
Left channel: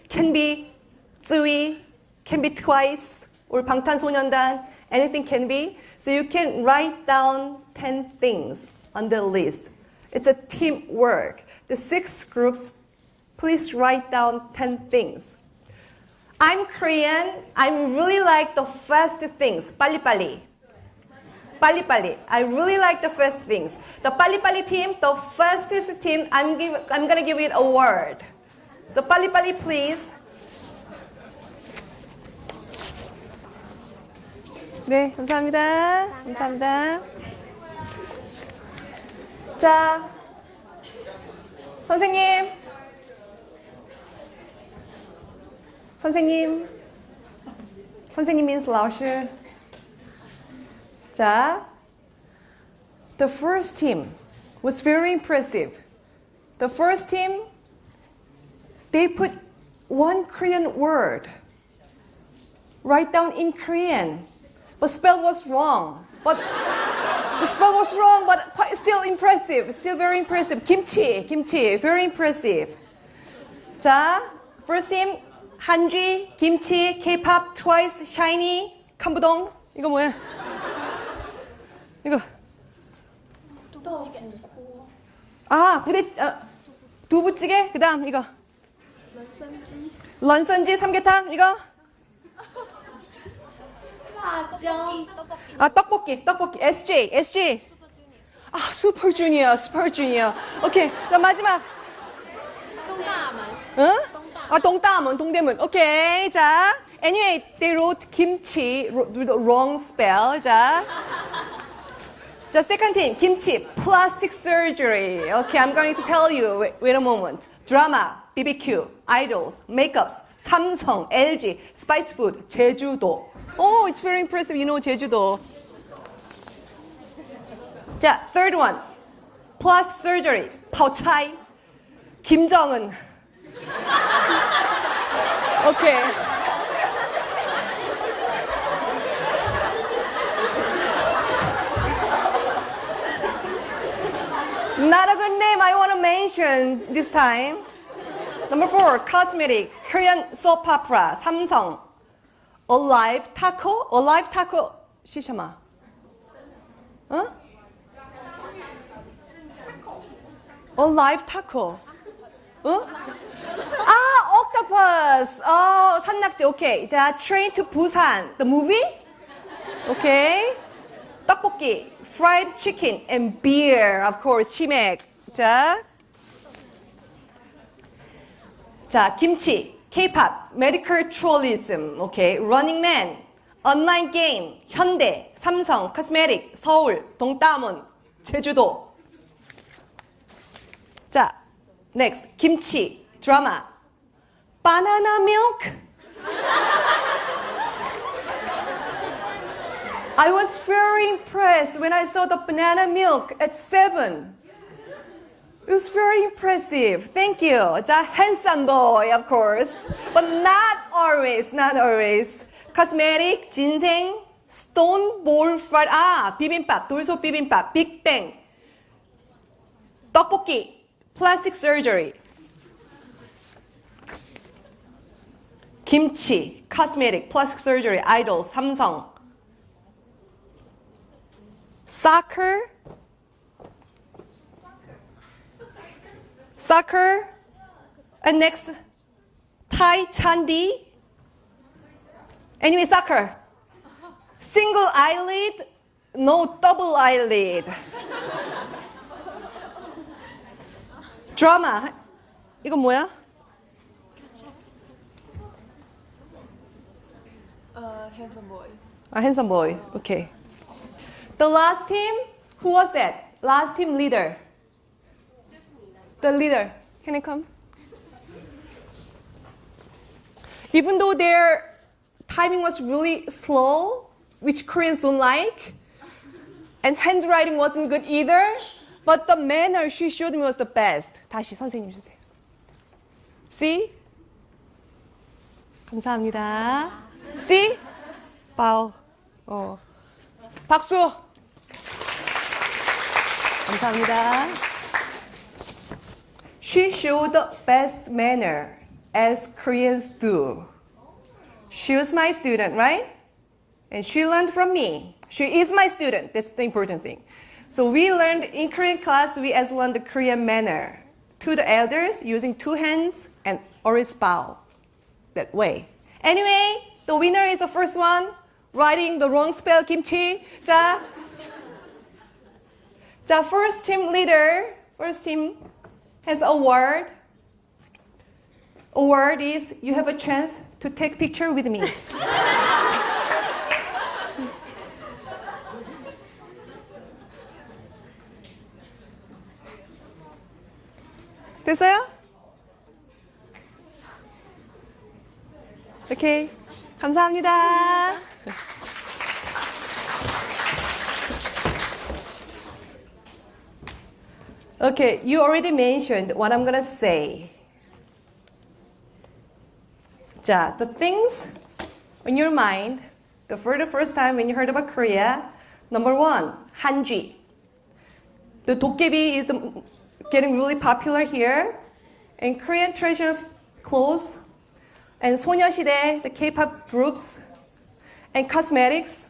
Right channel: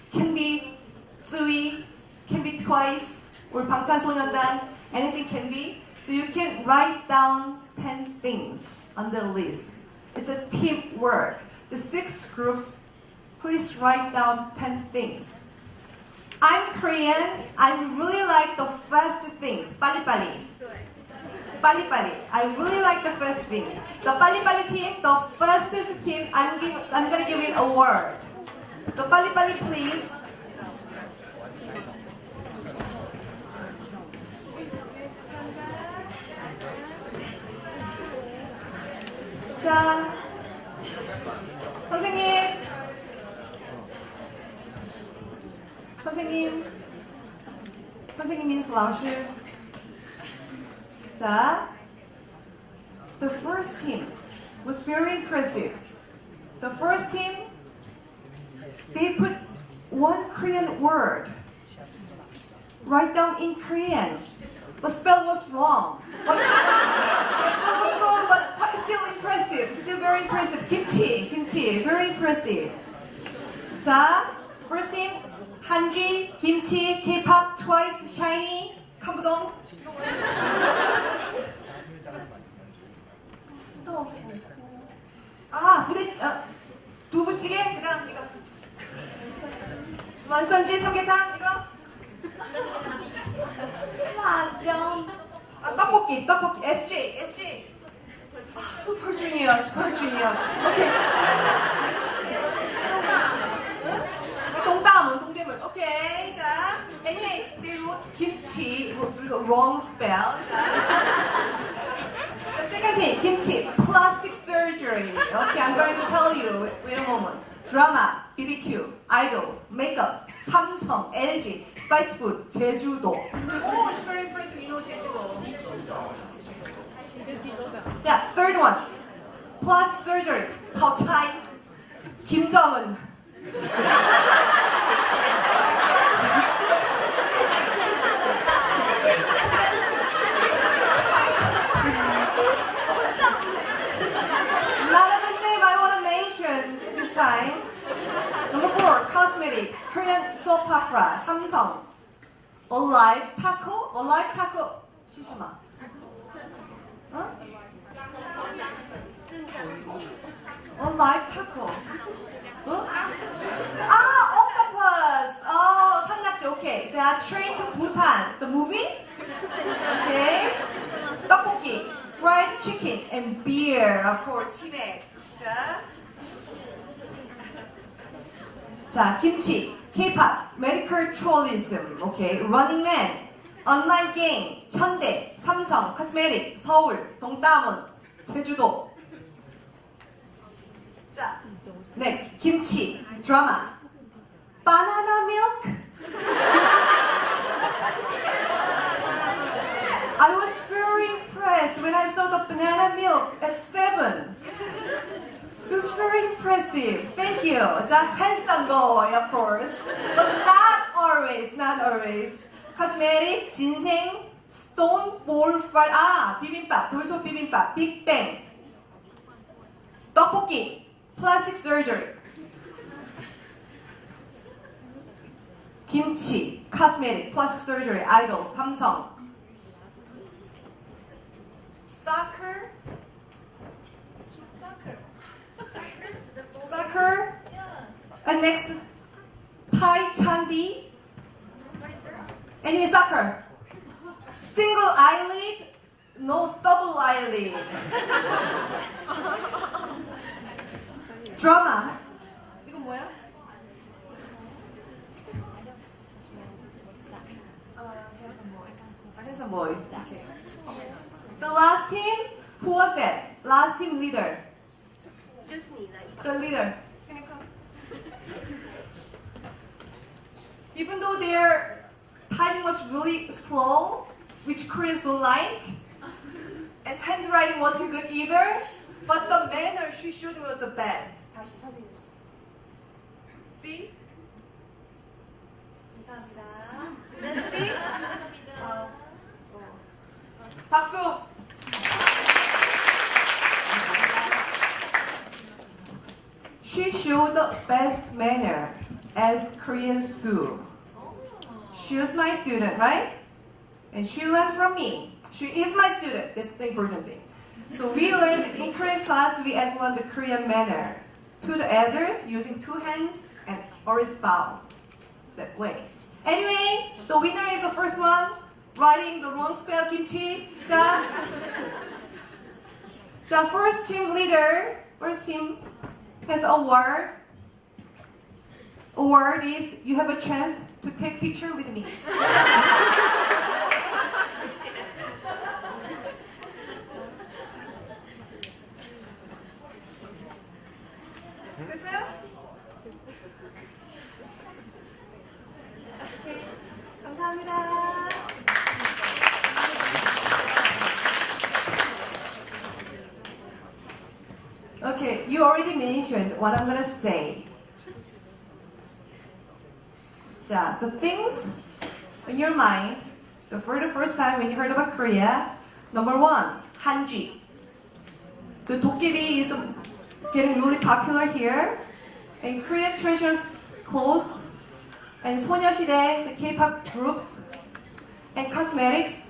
Can be Tsui, can be Twice, or 방탄소년단, anything can be. So you can write down 10 things on the list. It's a teamwork. The 6 groups, please write down 10 things. I'm Korean. I really like the fast things. 빨리빨리. 빨리빨리. I really like the fast things. The 빨리빨리 team, the fastest team, I'm going to give you an award. So 빨리빨리, please. 네, 감사합니다. 감사합니다. 자, 선생님. 선생님 means 老师. 자, the first team was very impressive. The first team, they put 1 Korean word. Write down in Korean. But spell was wrong. But the spell was wrong, but still impressive. Still very impressive. Kimchi, very impressive. 자, first team, 한지, 김치, K-pop, Twice, Shiny, 감부동. 이거 뭐야? 이거. 두부찌개. 그다음 이거. 런선지 삼계탕 이거. 떡볶이. SJ. 슈퍼주니어. 오케이. 그럼 마지막. 응? 동대문. 오케이. 자, anyway, they wrote kimchi with the wrong spell. 자, second thing, kimchi, plastic surgery. Okay, I'm going to tell you. Wait a moment. Drama, BBQ, idols, makeups, Samsung, LG, spice food, 제주도. Oh, it's very impressive. You know 제주도. 자, third one, plastic surgery, 파오차이, 김정은. Okay. Not a good name I want to mention this time. Number 4, cosmetic, Korean soap opera, Samsung. Alive taco, 是什么? Huh? Oh, live taco. Huh? Octopus. Oh, 산낙지. Okay. 자, Train to Busan. The movie? Okay. 떡볶이, fried chicken, and beer. Of course, 치맥. 자, 김치, K-pop, medical tourism. Okay. Running Man, online game, 현대, 삼성, cosmetic, 서울, 동따문, 제주도. 자, next, 김치, drama, banana milk. I was very impressed when I saw the banana milk at 7. It was very impressive. Thank you. 자, handsome boy, of course. But not always, not always. Cosmetic, ginseng, stone bowl fried. 비빔밥, 돌솥 비빔밥, Big Bang. 떡볶이, plastic surgery. 김치, cosmetic, plastic surgery, idol, 삼성. Soccer, and next, Thai Chandi. Anyway, soccer. Single eyelid, no double eyelid. Drama. 이거 뭐야? Handsome boy. Okay. The last team, who was that? Last team leader. The leader. Can I come? Even though their timing was really slow, which Koreans don't like, and handwriting wasn't good either, but the manner she showed me was the best. 다시 선생님 주세요. See? 감사합니다. See? Bow. 박수. 감사합니다. She showed the best manner, as Koreans do. She was my student, right? And she learned from me. She is my student. That's the important thing. So we learned in Korean class, we as learned the Korean manner. To the elders, using 2 hands and always bow. That way. Anyway, the winner is the first one. Writing the wrong spell, kimchi. 자, first team leader, first team has award. Award is you have a chance to take picture with me. 됐어요? 오케이. 감사합니다. Okay, you already mentioned what I'm gonna say. 자, the things on your mind, for the first time when you heard about Korea, number 1, 한지. The 도깨비 is getting really popular here, and Korean traditional clothes, and 소녀시대, the K-pop groups, and cosmetics.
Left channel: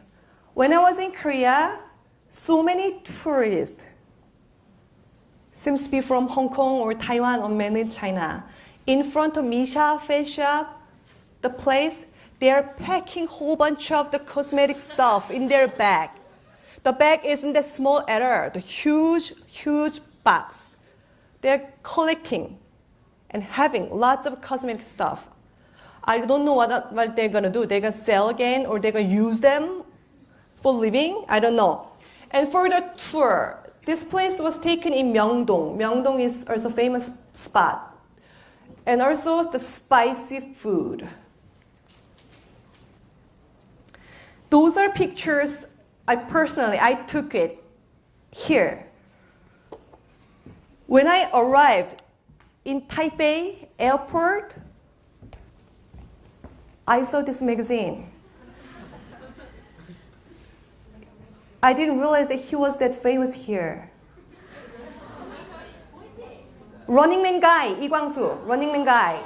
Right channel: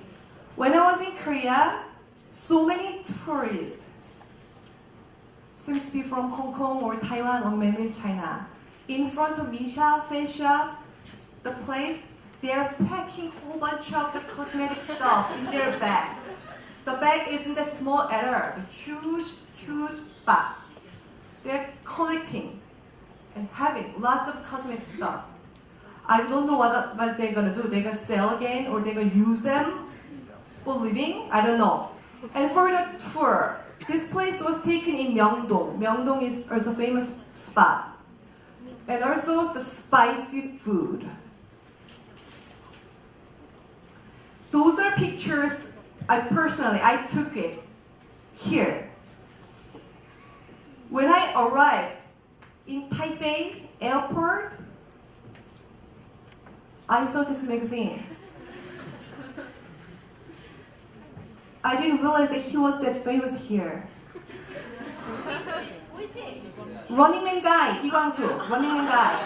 When I was in Korea, so many tourists seems to be from Hong Kong or Taiwan or mainland China. In front of Misha Face Shop, the place, they're packing whole bunch of the cosmetic stuff in their bag. The bag isn't that small at all, the huge, huge box. They're collecting and having lots of cosmetic stuff. I don't know what they're gonna do. They're gonna sell again or they're gonna use them for living? I don't know. And for the tour, this place was taken in Myeongdong. Myeongdong is also a famous spot. And also the spicy food. Those are pictures I took it here. When I arrived in Taipei airport, I saw this magazine. I didn't realize that he was that famous here. Running Man guy, 이광수, Running Man guy.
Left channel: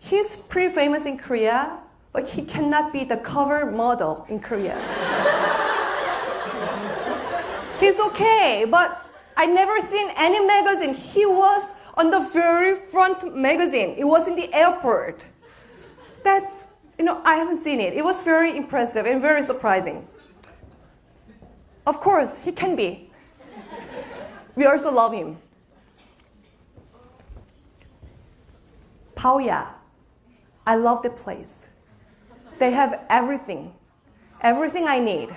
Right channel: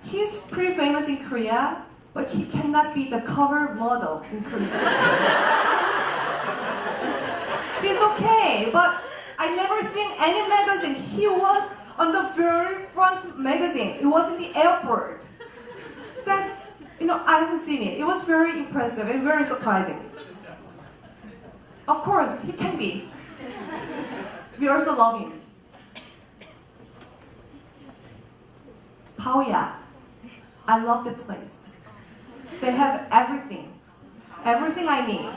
He's pretty famous in Korea, but he cannot be the cover model in Korea. He's okay, but I never seen any magazine. He was on the very front magazine. It was in the airport. That's, I haven't seen it. It was very impressive and very surprising. Of course, he can be. We also love him. Paoya. I love the place. They have everything. Everything I need.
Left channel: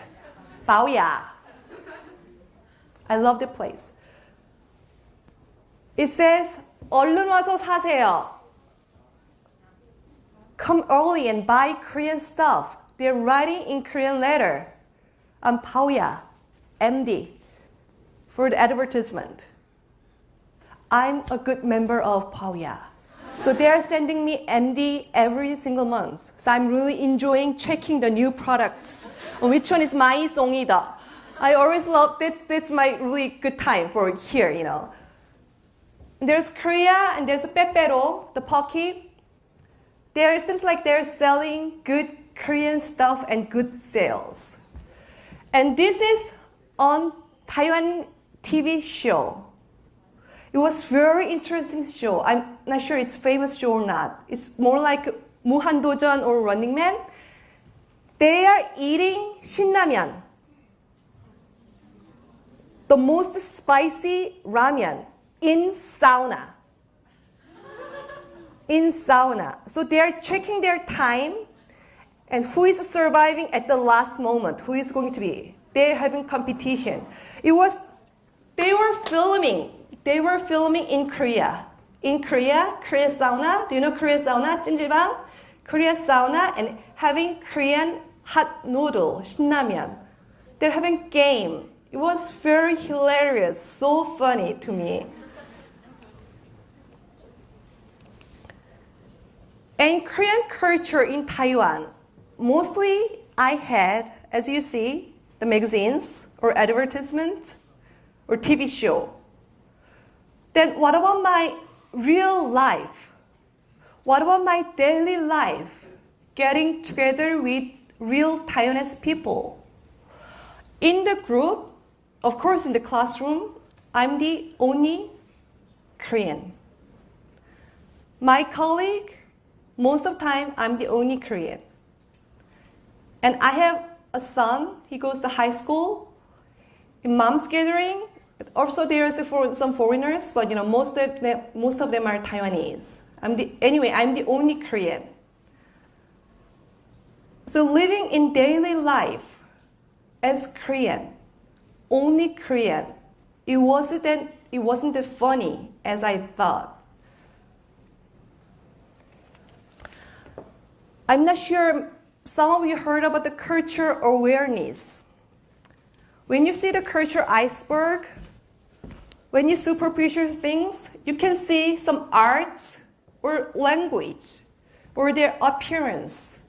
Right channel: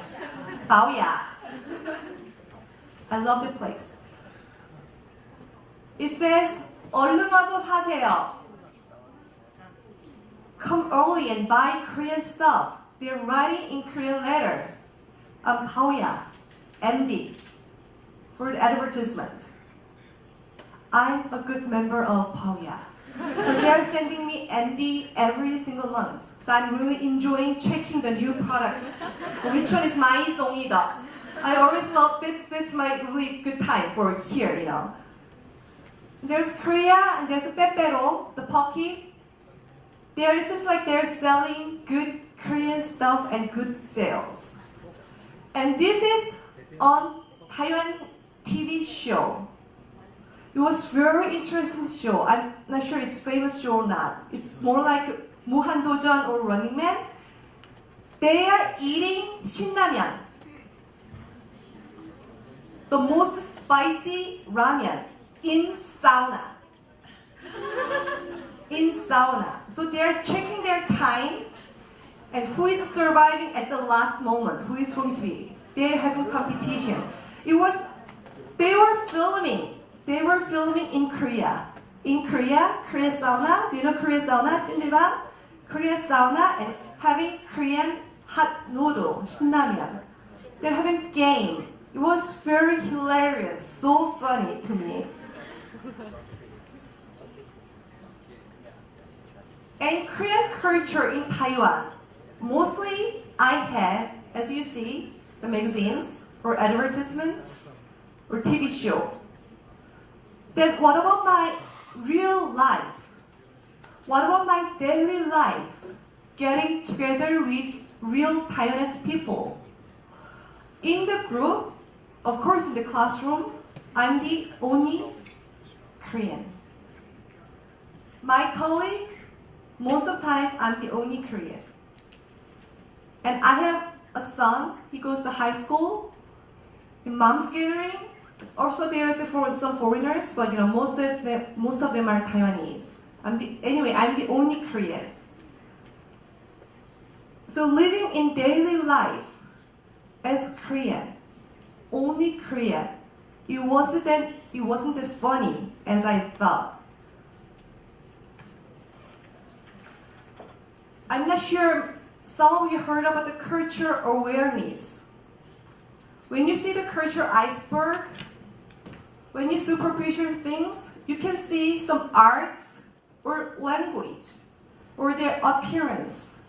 Paoya. I love the place. It says, 얼른 와서 사세요. Come early and buy Korean stuff. They're writing in Korean letter. I'm Paoya, MD, for the advertisement. I'm a good member of Paoya. So they are sending me MD every single month. So I'm really enjoying checking the new products. Which one is my 송이다? I always love this. That's my really good time for here, There's Korea and there's Pepero, the Pocky. It seems like they're selling good Korean stuff and good sales. And this is on Taiwan TV show. It was very interesting show. I'm not sure it's famous show or not. It's more like 무한도전 or Running Man. They are eating 신라면. The most spicy ramen in sauna. In sauna. So they are checking their time and who is surviving at the last moment, who is going to be. They're having competition. They were filming in Korea. In Korea sauna. Do you know Korea sauna? 찜질방? Korea sauna and having Korean hot noodle, 신라면. They're having game. It was very hilarious, so funny to me. And Korean culture in Taiwan, mostly I had, as you see, the magazines or advertisements or TV show. Then what about my real life? What about my daily life? Getting together with real Taiwanese people. In the group, of course in the classroom, I'm the only Korean. My colleague, most of the time, I'm the only Korean. And I have a son, he goes to high school. In mom's gathering, also there is some foreigners, but most of them are Taiwanese. I'm the only Korean. So living in daily life as Korean, only Korean, it wasn't that funny as I thought. I'm not sure some of you heard about the culture awareness. When you see the culture iceberg, when you superficial things, you can see some arts or language or their appearance.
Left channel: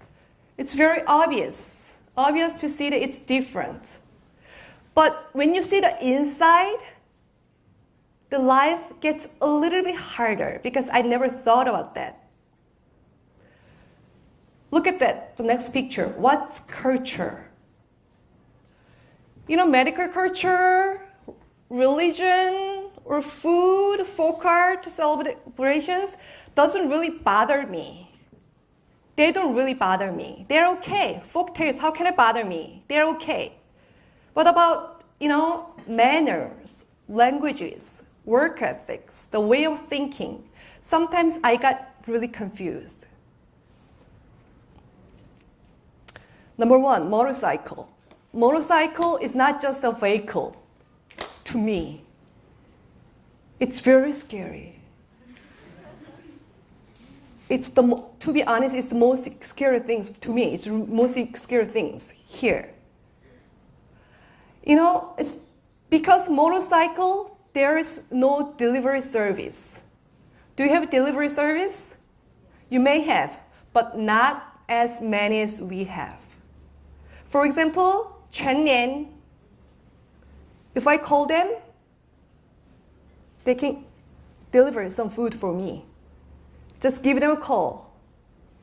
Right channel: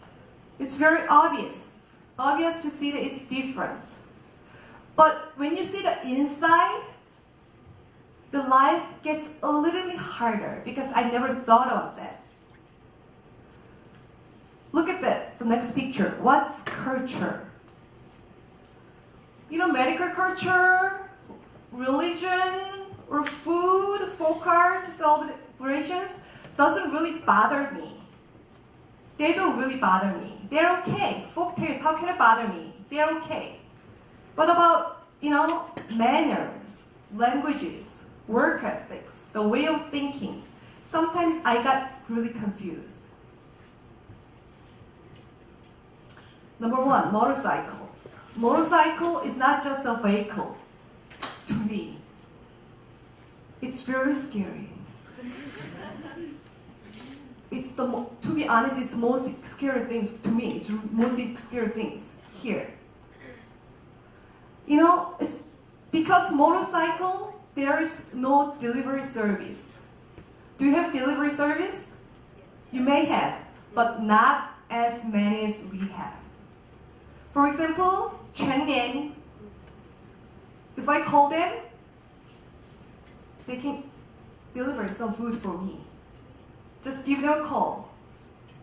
It's very obvious to see that it's different. But when you see the inside, the life gets a little bit harder because I never thought about that. Look at that, the next picture. What's culture? Medical culture, religion, or food, folk art, celebrations doesn't really bother me. They don't really bother me. They're okay. Folk tales, how can it bother me? They're okay. What about, manners, languages, work ethics, the way of thinking? Sometimes I got really confused. Number one, motorcycle. Motorcycle is not just a vehicle to me. It's very scary. To be honest, it's the most scary things to me. It's the most scary things here. It's because motorcycle, there is no delivery service. Do you have delivery service? You may have, but not as many as we have. For example, Chenyan, if I call them, they can deliver some food for me. Just give them a call.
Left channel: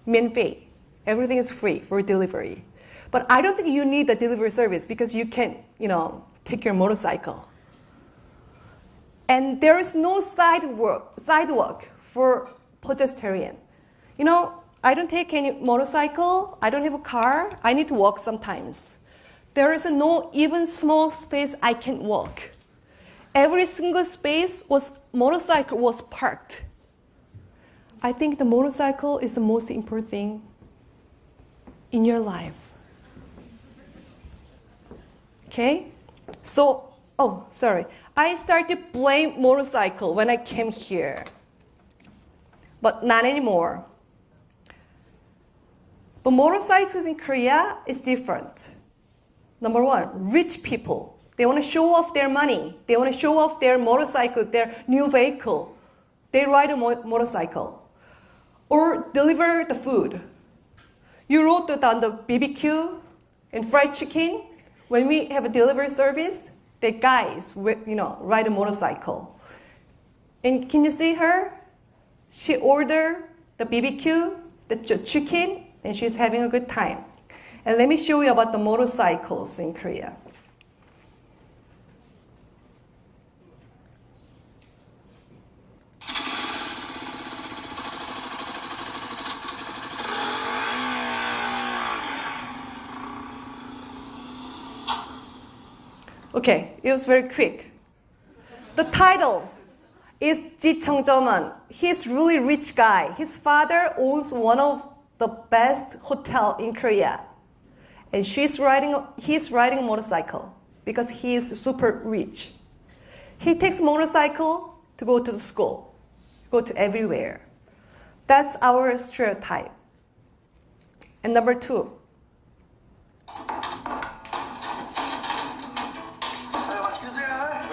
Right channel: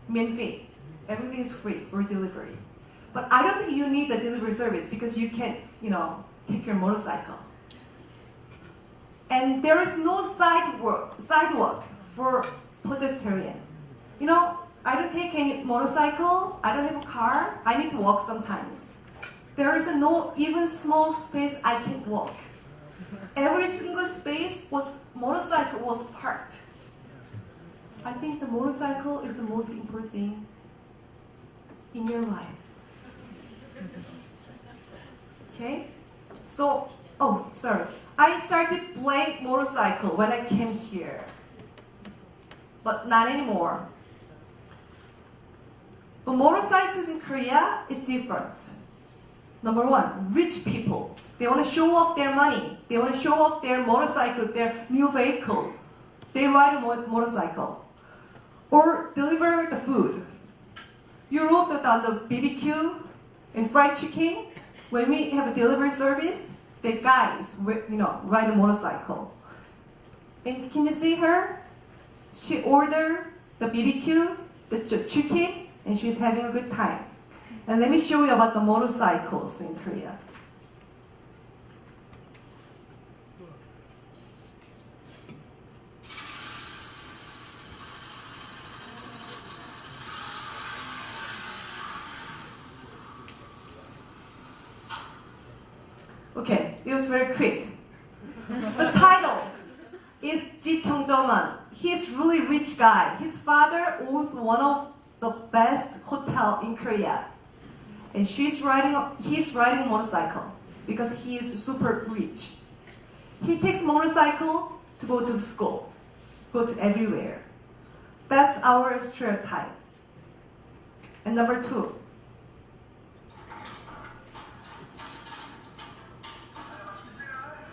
免费. Everything is free for delivery. But I don't think you need the delivery service because you can, take your motorcycle. And there is no sidewalk for pedestrian. You know, I don't take any motorcycle, I don't have a car, I need to walk sometimes. There is no even small space I can walk. Every single space motorcycle was parked. I think the motorcycle is the most important thing in your life. Okay? So, I started to blame motorcycle when I came here. But not anymore. But motorcycles in Korea is different. Number one, rich people. They want to show off their money. They want to show off their motorcycle, their new vehicle. They ride a motorcycle. Or deliver the food. You wrote down the BBQ and fried chicken. When we have a delivery service, the guys, ride a motorcycle. And can you see her? She ordered the BBQ, the chicken, and she's having a good time. And let me show you about the motorcycles in Korea. Okay, it was very quick. The title is Ji Chung-jaman. He's really rich guy. His father owns one of the best hotel in Korea. And he's riding a motorcycle because he is super rich. He takes motorcycle to go to the school, go to everywhere. That's our stereotype. And number two.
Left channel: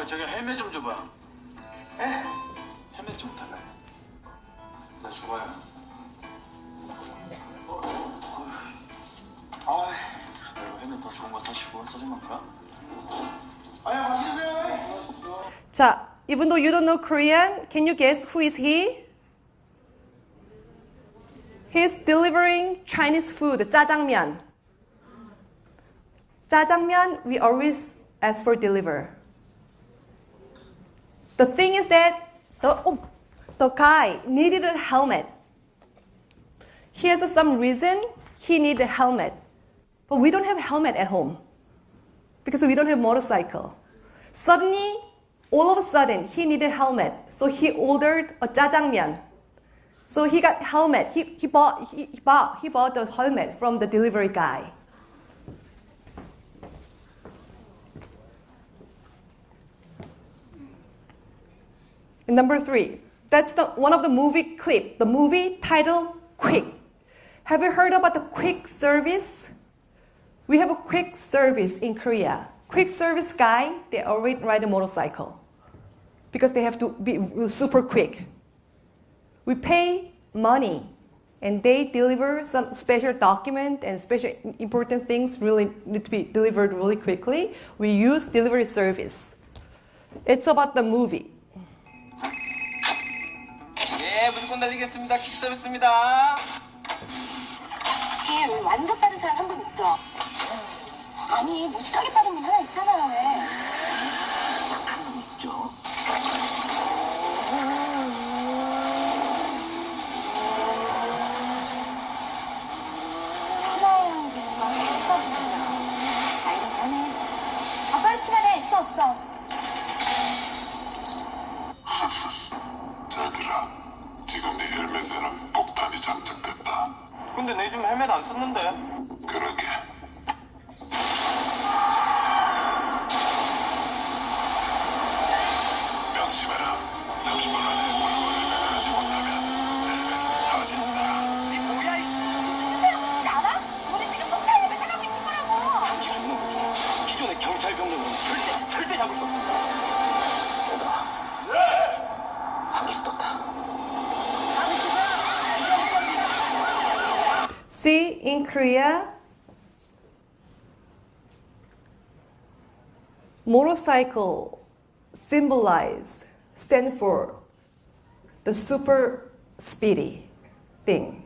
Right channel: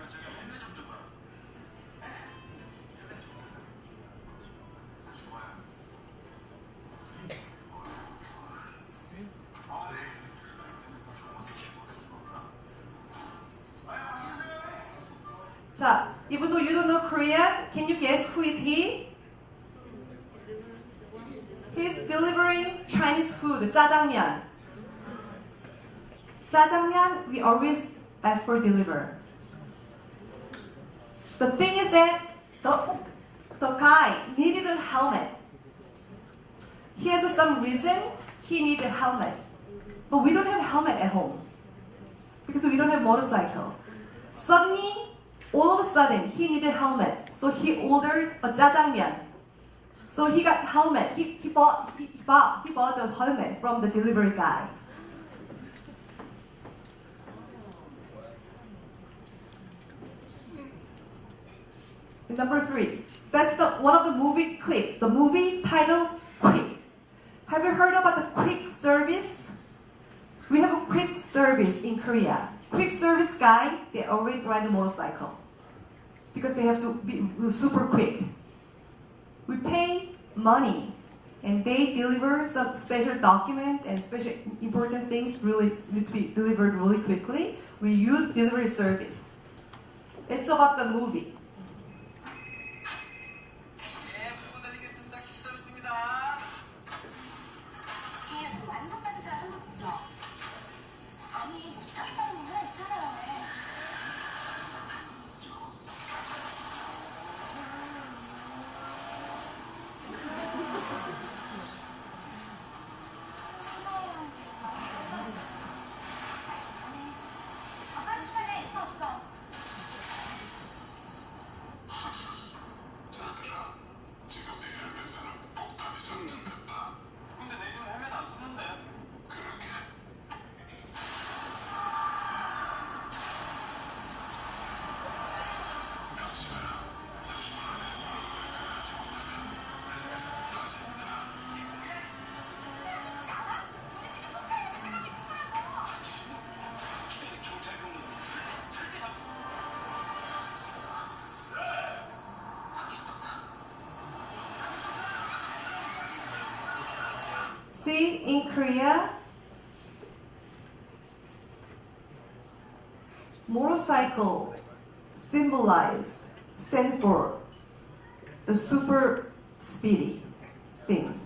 저기 헬멧 좀 줘봐. 에? 헬멧 좀 달라요. 나 줘봐요. 헬멧 더 좋은 거 사시고 짜증만 가. 아유, 맛있게 드세요. 자, even though you don't know Korean, can you guess who is he? He's delivering Chinese food, 짜장면. 짜장면, we always ask for deliver. The thing is that the guy needed a helmet. He has some reason he needed a helmet. But we don't have a helmet at home because we don't have motorcycle. Suddenly, all of a sudden, he needed a helmet. So he ordered a jjajangmyeon. So he got helmet. He bought the helmet from the delivery guy. And number three, that's one of the movie clip. The movie titled Quick. Have you heard about the quick service? We have a quick service in Korea. Quick service guy, they already ride a motorcycle because they have to be super quick. We pay money and they deliver some special document and special important things really need to be delivered really quickly. We use delivery service. It's about the movie. 예, 무조건 달리겠습니다. 퀵 서비스입니다. 길 완전 빠른 사람 한 분 있죠? 아니, 무식하게 빠른 분 하나 있잖아요, 왜? 한분 있죠. 천하의 기수가 퀵 서비스야. 아이러니 하네. 아, 빨리 출발해. 시간 없어. 잘 들어. 지금 네 헬멧에는 폭탄이 장착됐다. 근데 내 요즘 헬멧 안 쓰는데. 그러게. 명심해라. 30분 안에 물건을 매달하지 못하면 헬멧은 터진다. 무슨 알아? 우리 지금 폭탄을 매달하고 있는 거라고. 기수는 기존의 경찰 병력은 절대 잡을 수 없다. 한기수 떴다. See, in Korea, motorcycle stand for the super speedy thing.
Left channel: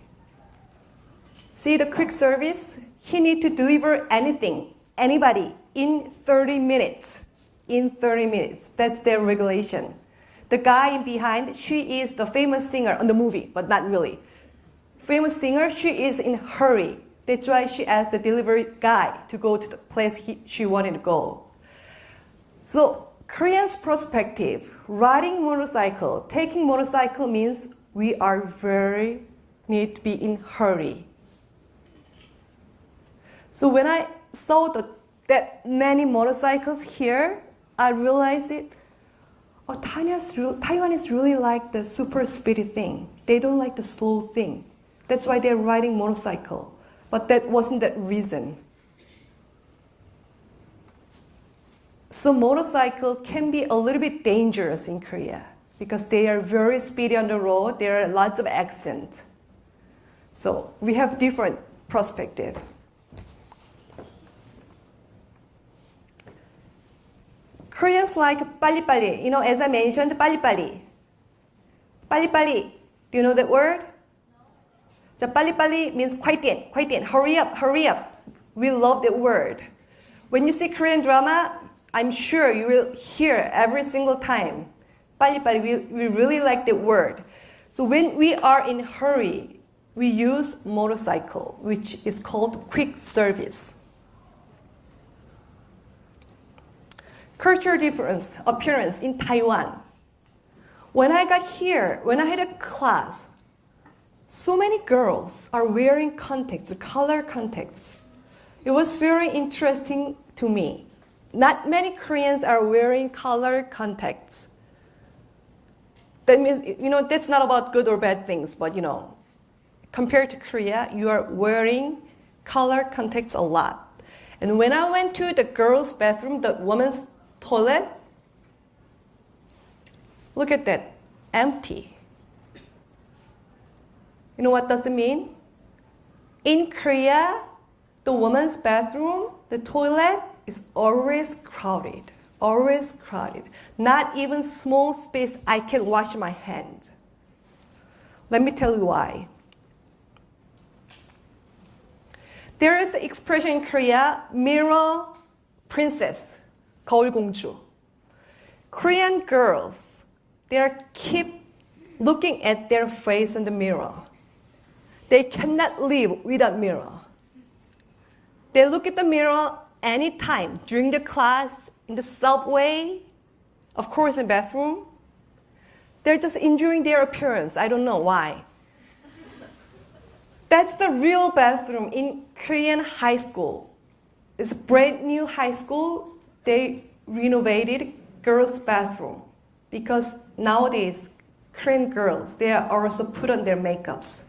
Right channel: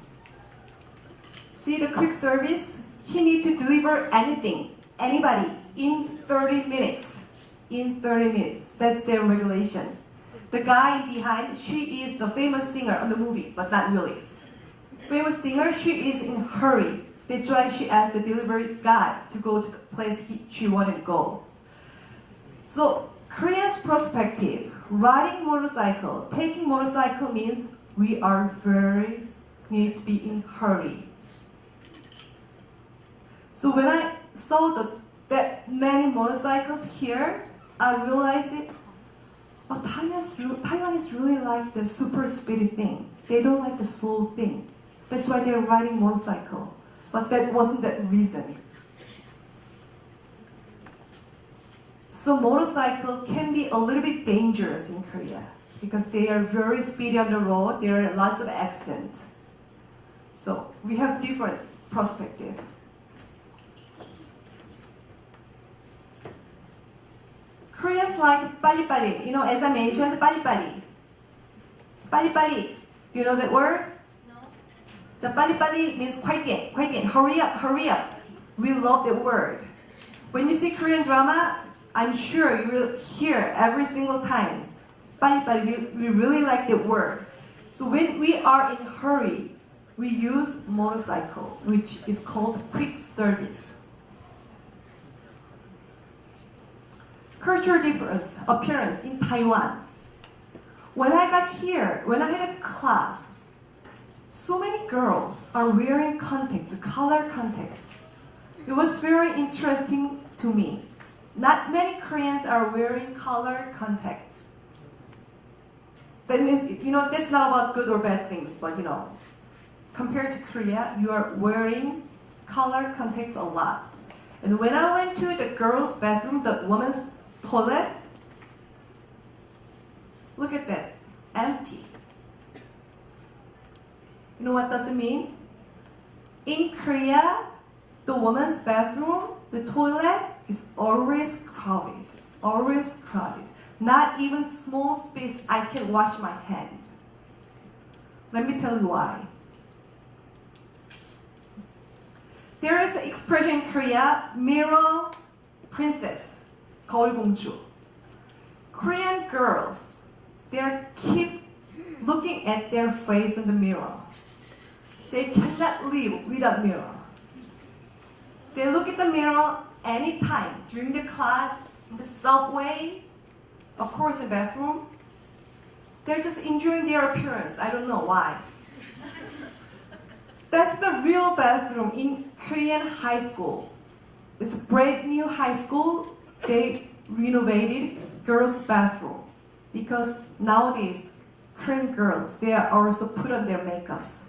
See the quick service? He need to deliver anything, anybody, in 30 minutes. in 30 minutes. That's their regulation. The guy behind, she is the famous singer on the movie, but not really. Famous singer, she is in a hurry. That's why she asked the delivery guy to go to the place she wanted to go. So Korean's perspective, riding motorcycle, taking motorcycle means we are need to be in hurry. So when I saw that many motorcycles here, I realized Taiwan is really like the super speedy thing. They don't like the slow thing. That's why they're riding motorcycle. But that wasn't the reason. So motorcycle can be a little bit dangerous in Korea because they are very speedy on the road. There are lots of accidents. So we have different perspective. Koreans like 빨리빨리. As I mentioned, 빨리빨리. 빨리빨리. Do you know that word? No. So 빨리빨리 means 快点, 快点, hurry up, hurry up. We love that word. When you see Korean drama, I'm sure you will hear every single time. 빨리빨리, we really like that word. So when we are in a hurry, we use motorcycle, which is called quick service. Cultural difference, appearance in Taiwan. When I got here, when I had a class, so many girls are wearing contacts, color contacts. It was very interesting to me. Not many Koreans are wearing color contacts. That means, that's not about good or bad things, but compared to Korea, you are wearing color contacts a lot. And when I went to the girls' bathroom, the women's toilet, look at that, empty. You know what does it mean? In Korea, the women's bathroom, the toilet is always crowded, always crowded. Not even small space I can wash my hands. Let me tell you why. There is an expression in Korea, mirror princess, 거울공주. Korean girls, they keep looking at their face in the mirror. They cannot live without mirror. They look at the mirror anytime, during the class, in the subway, of course in bathroom. They're just enjoying their appearance. I don't know why. That's the real bathroom in Korean high school. It's a brand new high school. They renovated girls' bathroom because nowadays Korean girls, they are also put on their makeups.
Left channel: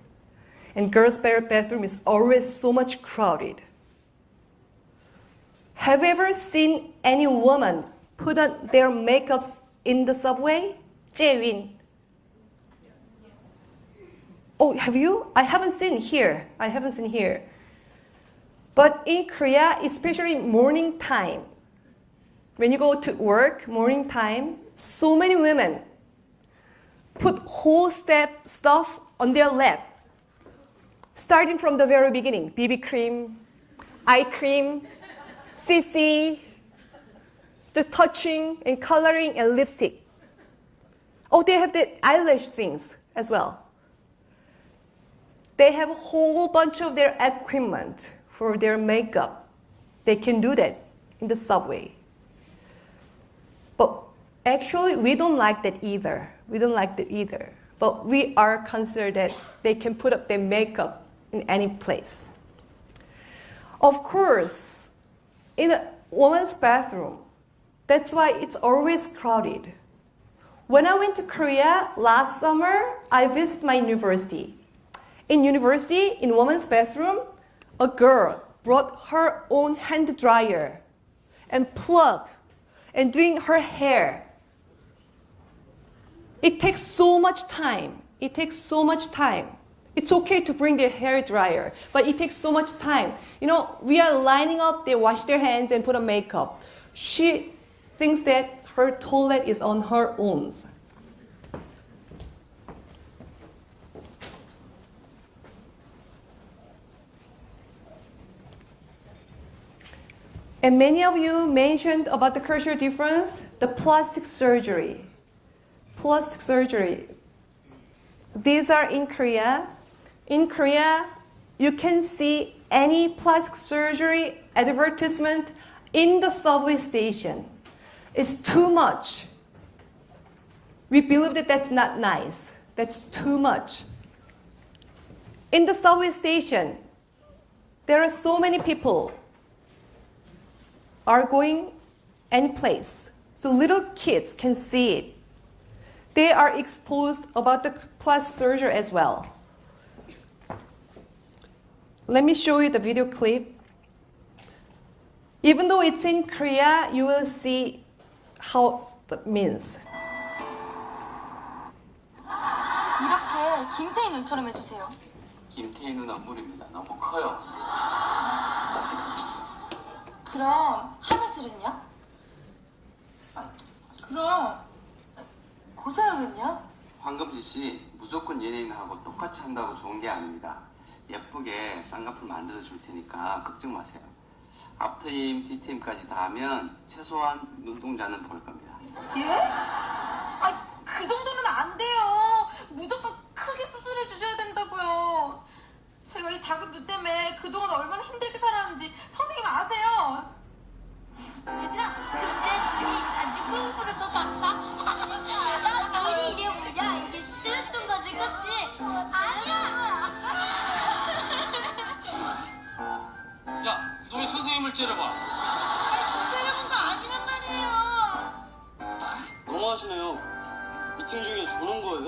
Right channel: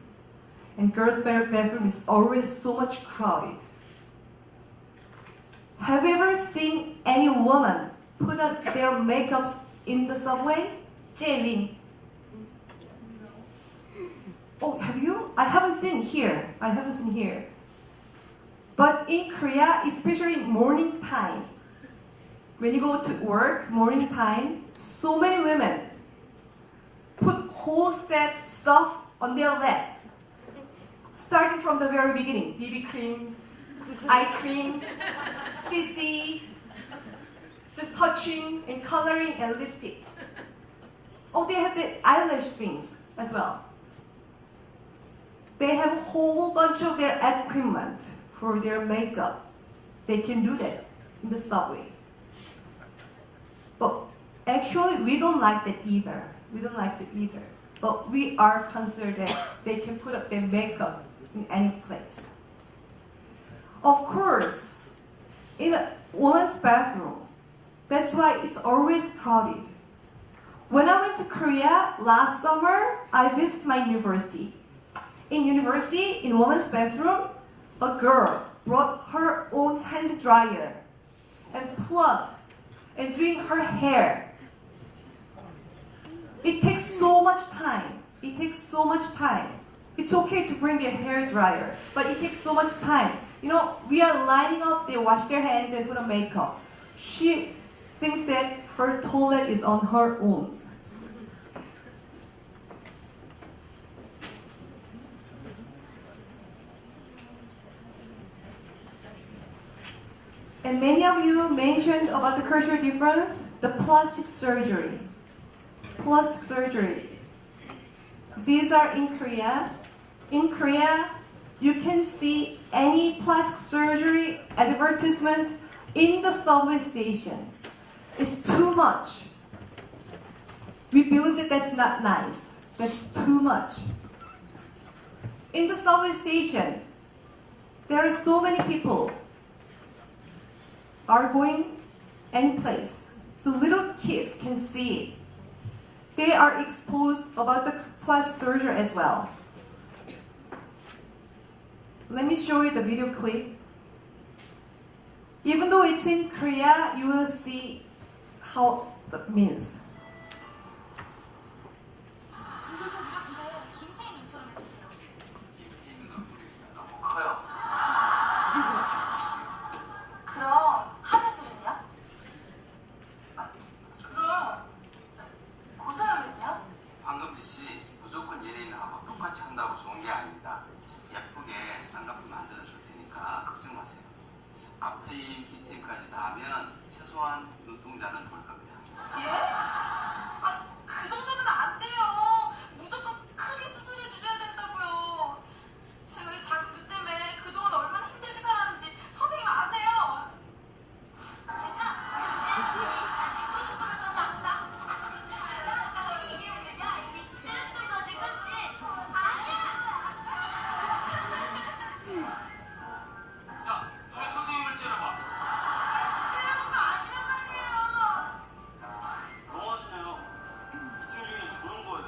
And girls' bathroom is always so much crowded. Have you ever seen any woman put on their makeups in the subway? Jae-win. Oh, have you? I haven't seen here. But in Korea, especially morning time, when you go to work, morning time, so many women put whole stuff on their lap. Starting from the very beginning, BB cream, eye cream, CC, the touching and coloring and lipstick. Oh, they have the eyelash things as well. They have a whole bunch of their equipment for their makeup. They can do that in the subway. But actually, we don't like that either. But we are considered that they can put up their makeup in any place. Of course, in a woman's bathroom, that's why it's always crowded. When I went to Korea last summer, I visited my university. In university, in woman's bathroom, a girl brought her own hand dryer and plug and doing her hair. It takes so much time. It's okay to bring their hair dryer, but it takes so much time. We are lining up, they wash their hands and put on makeup. She thinks that her toilet is on her own. And many of you mentioned about the cultural difference, the plastic surgery. Plastic surgery. These are in Korea. In Korea, you can see any plastic surgery advertisement in the subway station. It's too much. We believe that that's not nice. That's too much. In the subway station, there are so many people are going any place. So little kids can see it. They are exposed about the plastic surgery as well. Let me show you the video clip. Even though it's in Korea, you will see how that means. 이렇게 김태희 눈처럼 해주세요. 김태희 눈 앞물입니다. 너무 커요. 그럼 하다슬은요? 그럼 고서영은요? 황금지 씨 무조건 연예인하고 똑같이 한다고 좋은 게 아닙니다. 예쁘게 쌍꺼풀 만들어 줄 테니까 걱정 마세요. 앞트임, 뒤트임까지 다 하면 최소한 눈동자는 볼 겁니다. 예? 그 정도는 안 돼요. 무조건 크게 수술해 주셔야 된다고요. 제가 이 작은 눈 때문에 그동안 얼마나 힘들게 살았는지 선생님 아세요? 얘들아, 금지의 눈이 단지 뿌듯뿌듯 젖었다. 야, 눈이 이게 뭐냐? 이게 실루엣 거지, 그치? 아니야! 야, 너 왜 선생님을 째려봐? 때려본 거 아니란 말이에요. 너무하시네요. 미팅 중에 조는 거예요?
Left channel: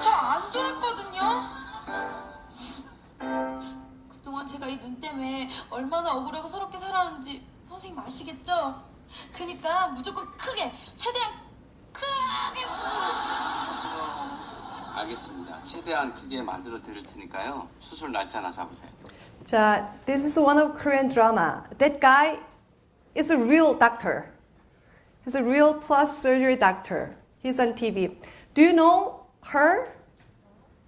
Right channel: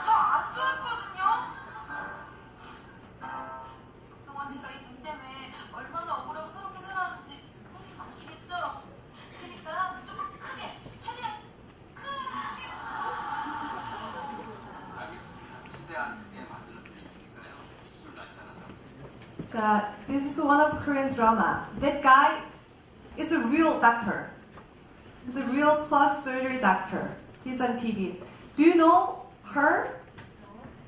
저 안 졸았거든요. 그동안 제가 이 눈 때문에 얼마나 억울하고 서럽게 살았는지 선생님 아시겠죠? 그니까 무조건 크게, 최대한 크게. 알겠습니다. 최대한 크게 만들어 드릴 테니까요. 수술 날짜나 잡으세요. 자, this is one of Korean drama. That guy is a real doctor. He's a real plastic surgery doctor. He's on TV. Do you know her?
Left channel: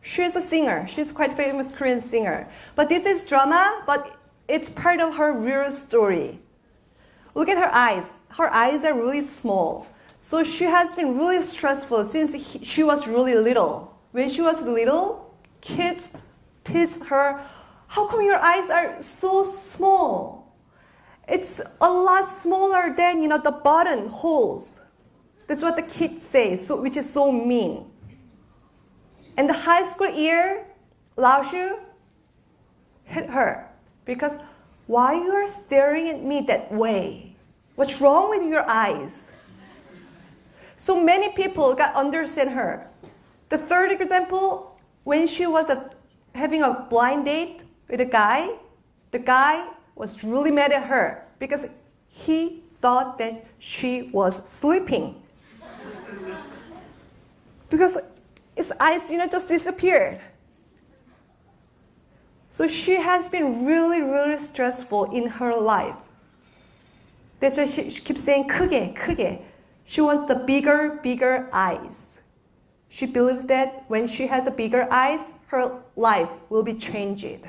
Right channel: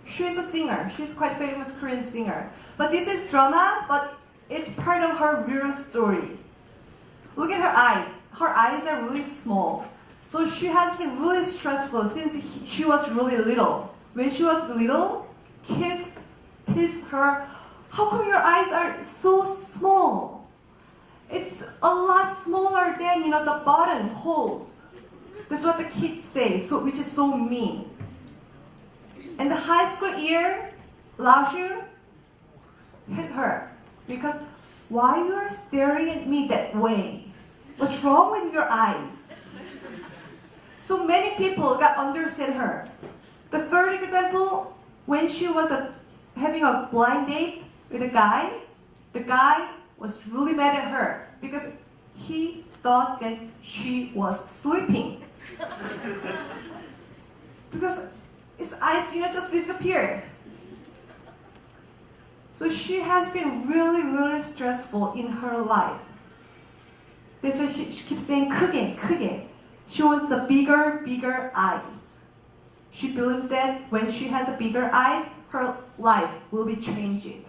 She's a singer. She's quite famous Korean singer. But this is drama, but it's part of her real story. Look at her eyes. Her eyes are really small. So she has been really stressful since she was really little. When she was little, kids teased her, how come your eyes are so small? It's a lot smaller than, the button holes. That's what the kids say, which is so mean. And the high school year, Lao Shu hit her because why you are staring at me that way? What's wrong with your eyes? So many people got understand her. The third example, when she was having a blind date with a guy, the guy was really mad at her because he thought that she was sleeping. Because his eyes, just disappeared. So she has been really, really stressful in her life. That's why she keeps saying 크게, 크게. She wants the bigger, bigger eyes. She believes that when she has a bigger eyes, her life will be changed.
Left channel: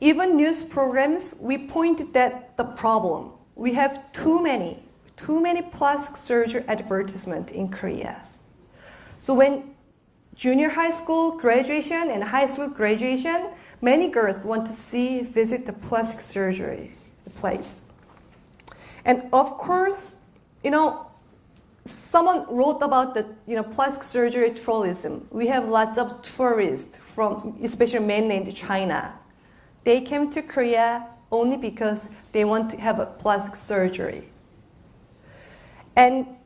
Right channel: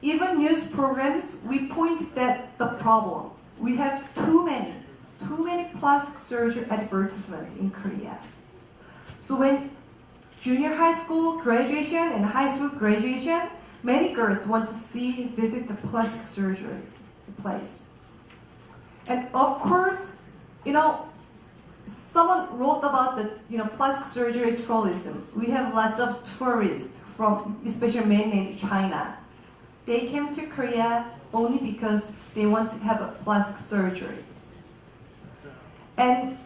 Even news programs, we pointed at the problem. We have too many plastic surgery advertisements in Korea. So when junior high school graduation and high school graduation, many girls want to visit the plastic surgery place. And of course, someone wrote about the plastic surgery tourism. We have lots of tourists from especially mainland China. They came to Korea only because they want to have a plastic surgery. And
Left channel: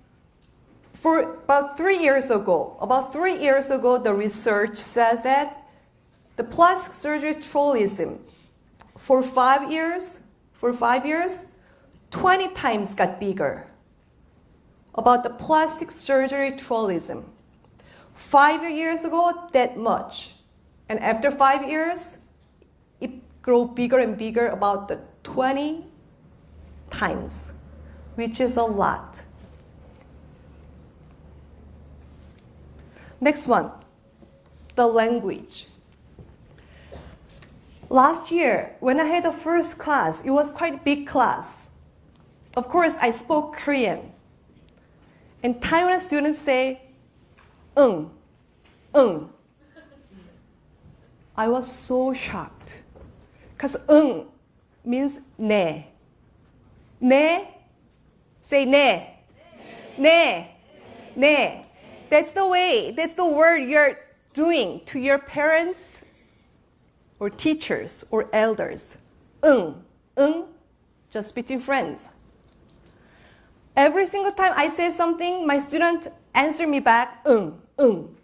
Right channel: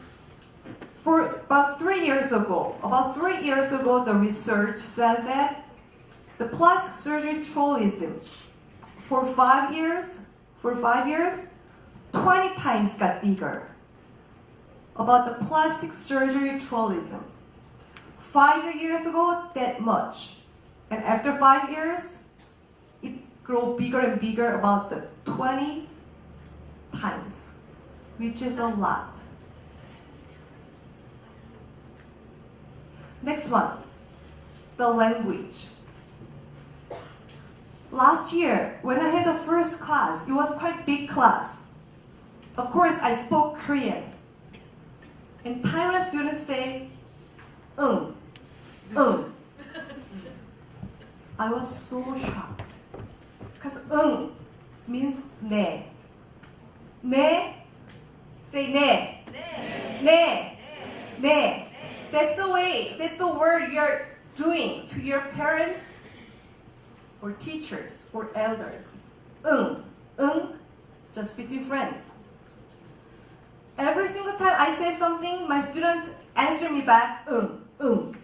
for about 3 years ago, the research says that the plastic surgery tourism for 5 years, 20 times got bigger. About the plastic surgery tourism. 5 years ago, that much. And after 5 years, it grew bigger and bigger, about the 20 times, which is a lot. Next one, the language. Last year, when I had the first class, it was quite big class. Of course, I spoke Korean. And Taiwanese students say, 응. I was so shocked. Because 응 means 네. 네, say 네. 네. 네. That's the way, that's the word you're doing to your parents or teachers or elders. 응, just between friends. Every single time I say something, my students answer me back, 응.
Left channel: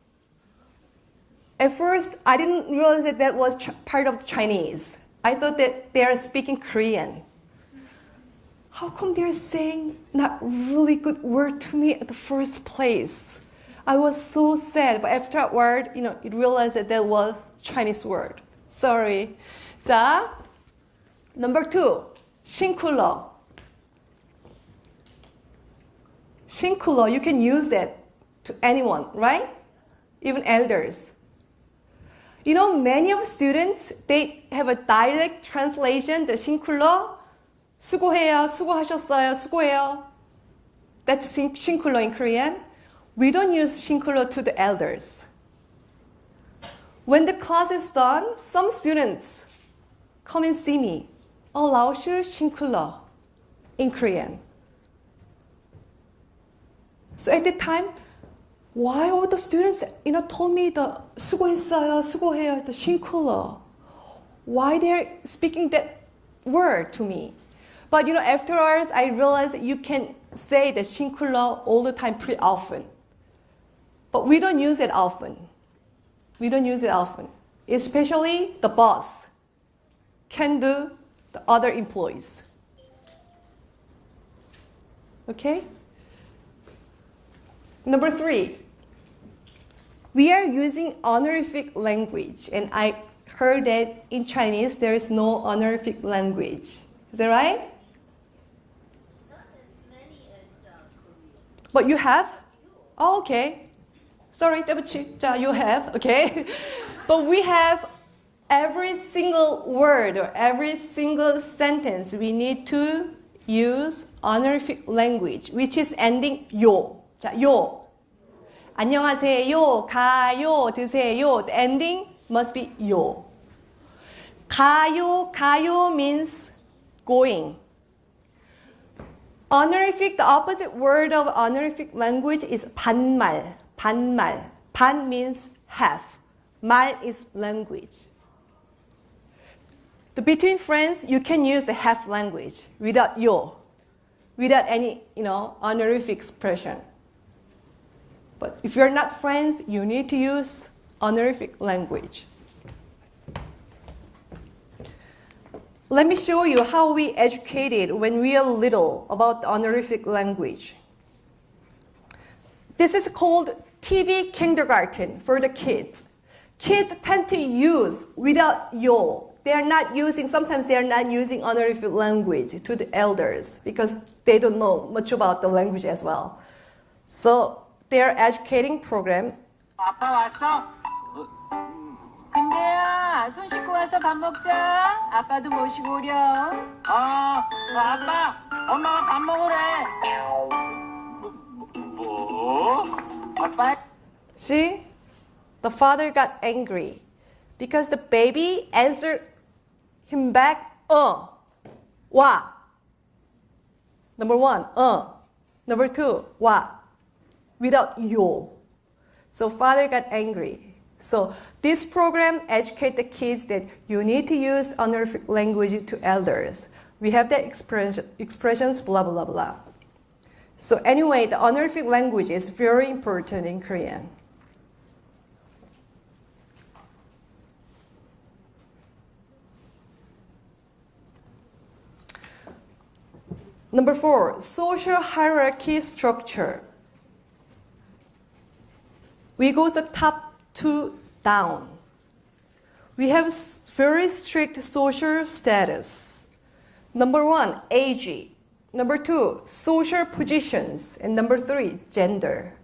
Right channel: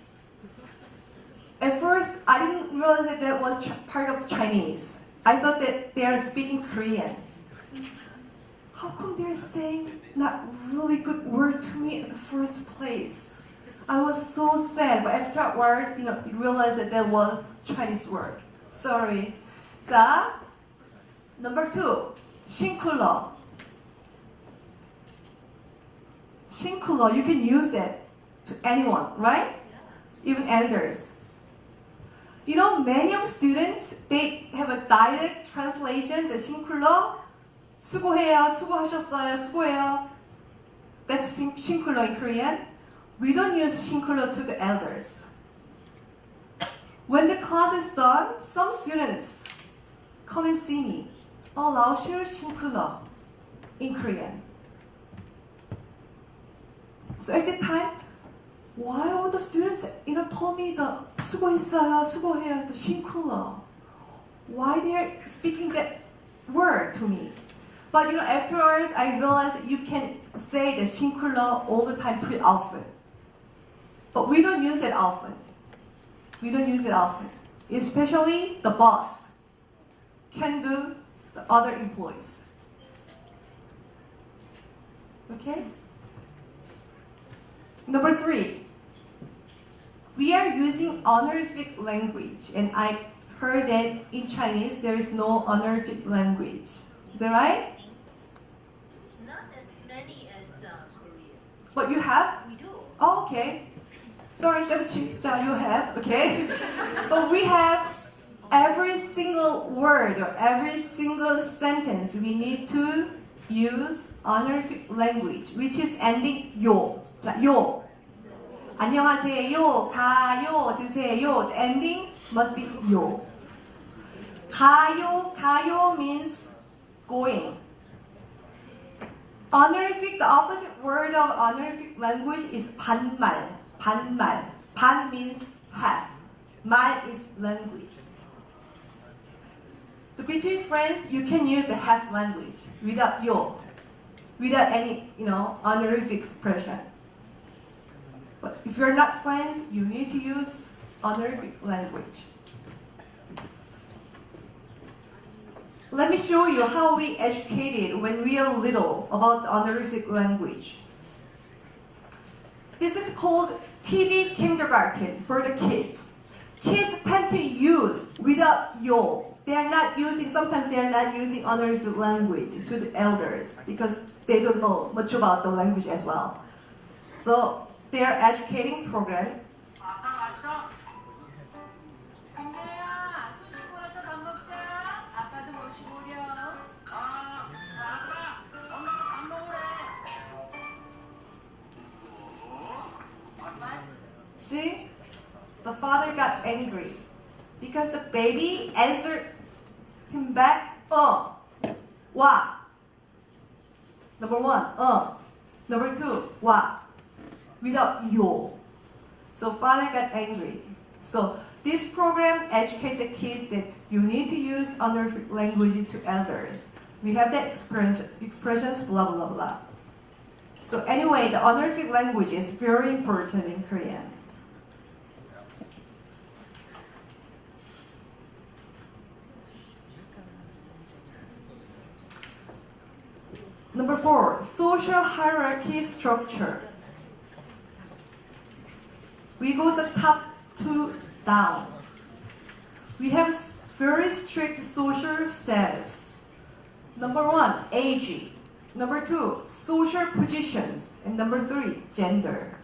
At first, I didn't realize that was part of Chinese. I thought that they are speaking Korean. How come they're saying not really good word to me at the first place? I was so sad, but after that word, you realized that was Chinese word. Sorry. 자, number 2, singular. Singular, you can use that to anyone, right? Even elders. Many of students, they have a direct translation, the singular. 수고해요, 수고하셨어요, 수고해요. That's singular in Korean. We don't use singular to the elders. When the class is done, some students come and see me.老师 singular in Korean. So at that time, why all the students told me the 수고했어요, 수고해요, the singular? Why they're speaking that word to me? But afterwards, I realized that you can say the singular all the time pretty often. But we don't use it often. We don't use it often. Especially the boss can do the other employees. Okay? Number 3. We are using honorific language. And I heard that in Chinese there is no honorific language. Is that right? Not as many as Korea. But you have? We do. Oh, okay. Sorry, you have, okay? But we have every single word or every single sentence we need to use honorific language, which is ending 요. 자, 요. 안녕하세요, 가요, 드세요. The ending must be 요. 가요 means going. Honorific, the opposite word of honorific language is 반말. 반 means half. 말 is language. Between friends, you can use the half language without 요, without any, honorific expression. But if you're not friends, you need to use honorific language. Let me show you how we educated when we are little about the honorific language. This is called TV kindergarten for the kids. Kids tend to use without yo. Sometimes they are not using honorific language to the elders because they don't know much about the language as well. So their educating program. 아빠 왔어? 근데야, 손 씻고 와서 밥 먹자. 아빠도 모시고 오렴. 아빠, 엄마가 밥 먹으래. 뭐? 아빠? See? The father got angry because the baby answered him back, 와. Number 1, Number 2, 와. Without yo. So father got angry. So this program educates the kids that you need to use honorific language to elders. We have the expressions, blah, blah, blah. So anyway, the honorific language is very important in Korean. Number 4, social hierarchy structure. We go the top to down. We have very strict social status. Number 1, age. Number 2, social positions. And number 3, gender.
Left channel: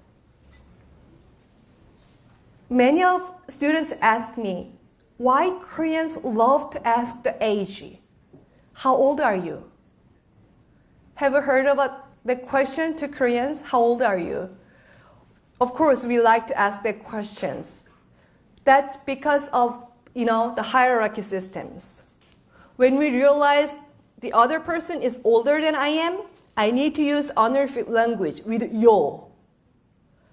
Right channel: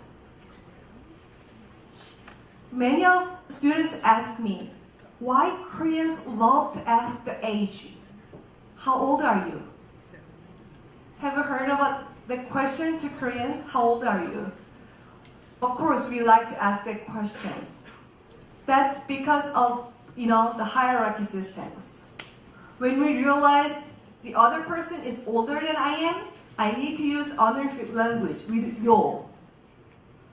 Many of students ask me, why Koreans love to ask the age? How old are you? Have you heard about the question to Koreans? How old are you? Of course, we like to ask that questions. That's because of, the hierarchy systems. When we realize the other person is older than I am, I need to use honorific language with yo.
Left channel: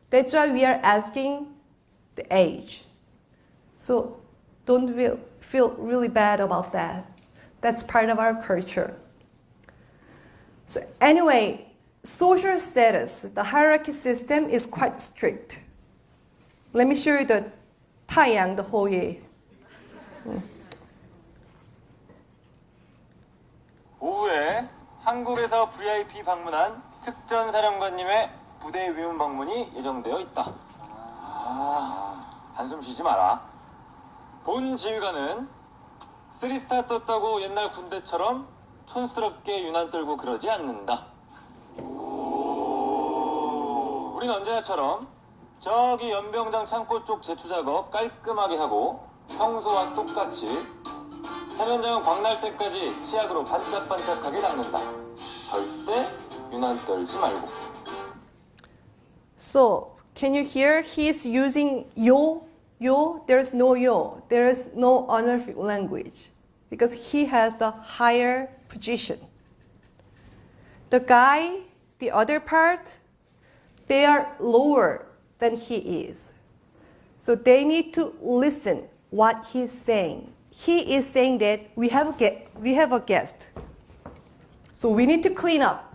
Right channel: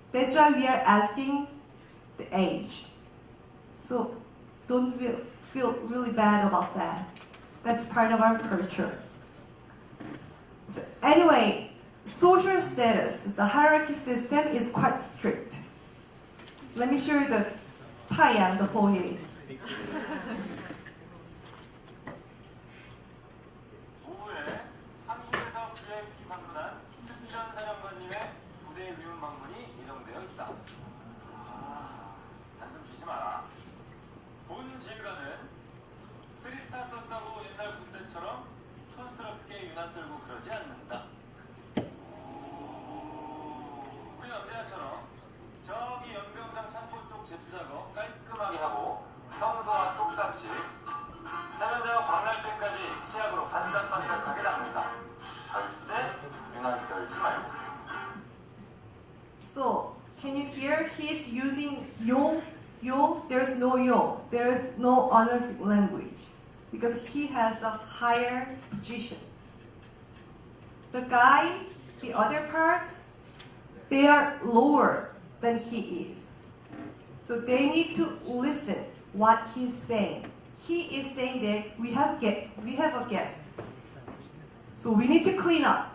That's why we are asking the age. So don't feel really bad about that. That's part of our culture. So anyway, social status, the hierarchy system is quite strict. Let me show you the Taiyang, the Hoye. 오후에 한국에서 VIP 방문한 특전 사령관님의 부대 위문 방문이 예정되어 있다. 한숨 쉬지 마라. 본 지휘관은 3스타 떴다고 옛날 군대처럼 촌스럽게 유난 떨고 그러지 않는다. 우린 언제나처럼 저기 연병장 창고 쪽 제초 작업 깔끔하게 하고 평소와 똑같이 사면장 광날 때까지 치약으로 반짝반짝하게 닦는다. 절대 유난 떨지 말고. So, can you hear? He's using yo. There's no yo. There's no honorific language. Because he has the higher position. The guy, the other part, they are lower than he is. So they need to listen what he's saying. He is saying that we have a guest. So we need to clean up.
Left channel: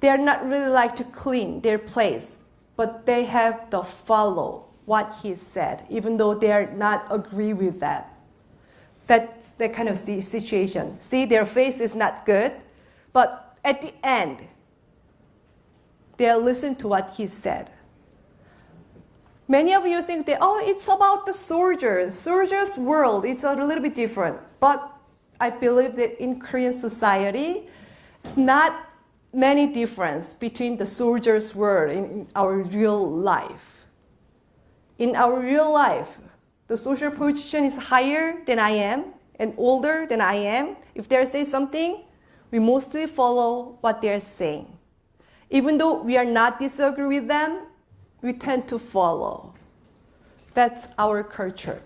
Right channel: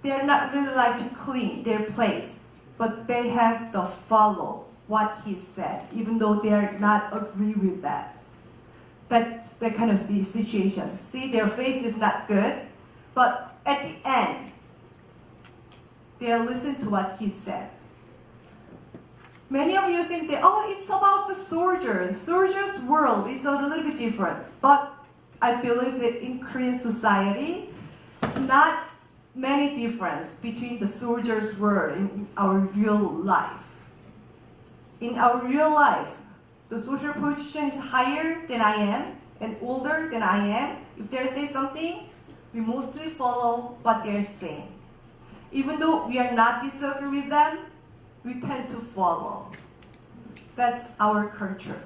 They are not really like to clean their place, but they have to follow what he said, even though they are not agree with that. That's the kind of situation. See, their face is not good, but at the end, they'll listen to what he said. Many of you think that, it's about the soldiers. Soldiers' world, it's a little bit different. But I believe that in Korean society, it's not many difference between the soldiers' world in our real life. In our real life, the social position is higher than I am and older than I am. If they say something, we mostly follow what they're saying. Even though we are not disagree with them, we tend to follow. That's our culture.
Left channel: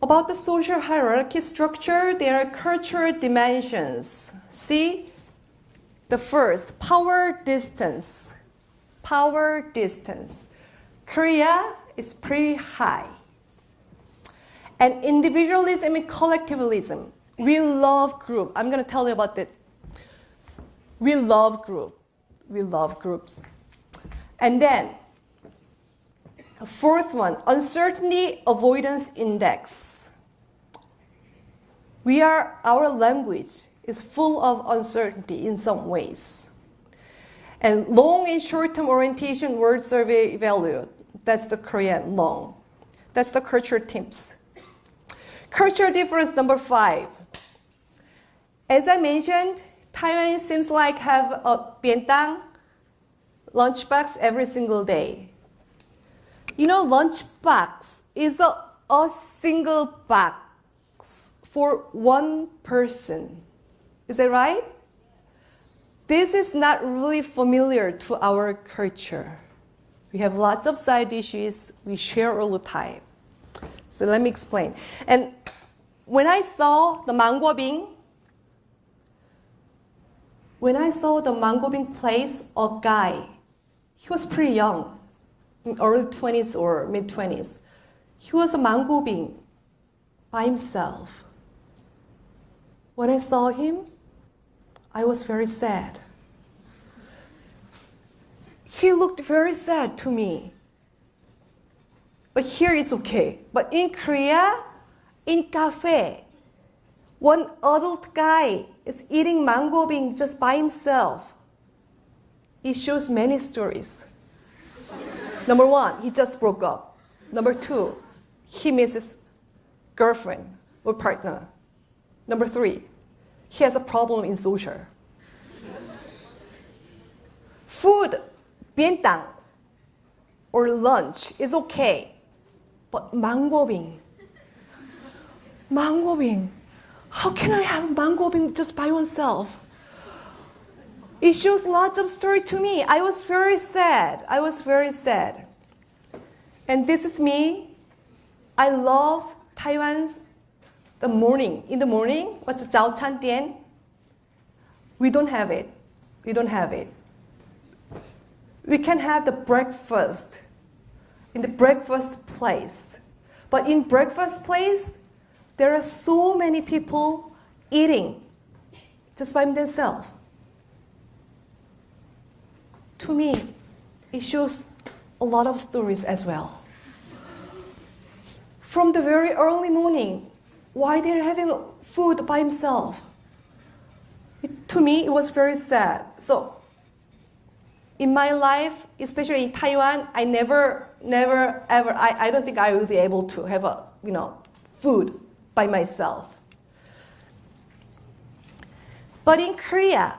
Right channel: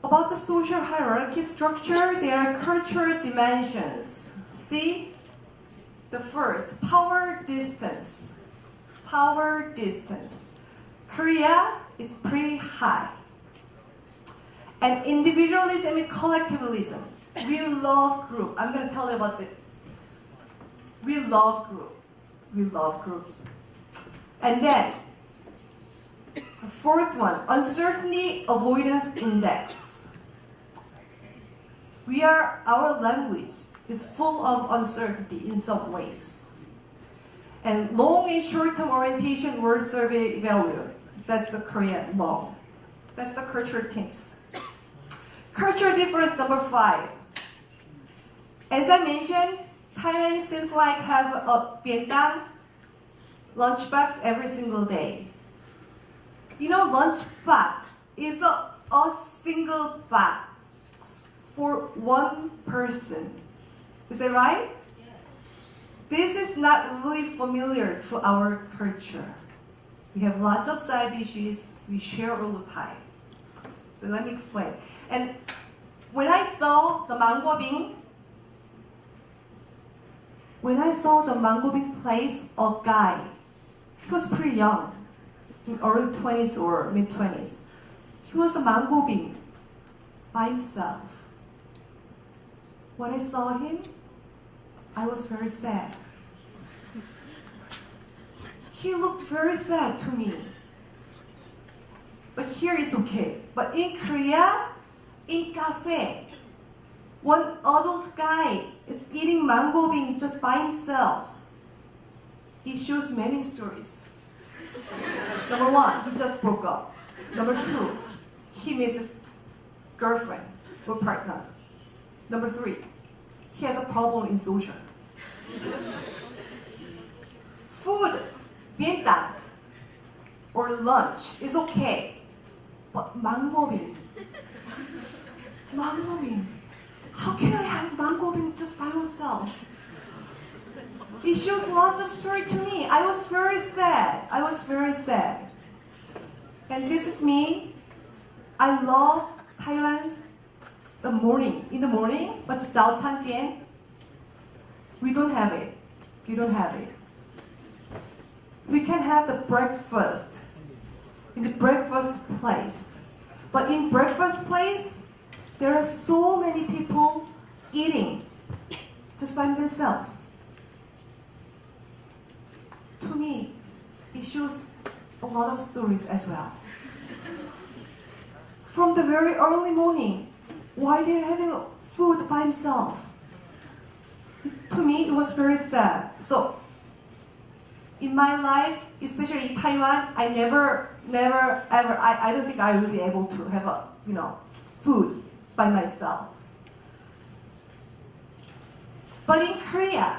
About the social hierarchy structure, there are cultural dimensions. See? The first, power distance. Power distance. Korea is pretty high. And individualism and collectivism. We love group. I'm going to tell you about that. We love group. We love groups. And then, fourth one, uncertainty avoidance index. Our language is full of uncertainty in some ways. And long and short-term orientation word survey value. That's the Korean long. That's the culture tips. Culture difference number 5. As I mentioned, Thailand seems like have a bientang lunchbox every single day. Lunchbox is a single box for one person. Is that right? This is not really familiar to our culture. We have lots of side dishes we share all the time. So let me explain. And when I saw the mango bean place, a guy, he was pretty young, in early 20s or mid 20s. He was a mango bean by himself. When I saw him, I was very sad. He looked very sad to me. But here it's okay. But in Korea, in cafe, one adult guy is eating mango bean just by himself. He shows many stories. Number 1, he just broke up. Number 2, he misses girlfriend or partner. Number 3, he has a problem in social. Food, bientang, or lunch is okay, but mango bean. Mango bean. How can I have mango bean just by oneself? It shows lots of story to me. I was very sad. And this is me. I love Taiwan's the morning. In the morning, what's Zhao Chan Tian? We don't have it. We can have the breakfast in the breakfast place. But in breakfast place, there are so many people eating just by themselves. To me, it shows a lot of stories as well. From the very early morning, why they're having food by himself? To me, it was very sad. So, in my life, especially in Taiwan, I never ever, I don't think I will be able to have food by myself. But in Korea,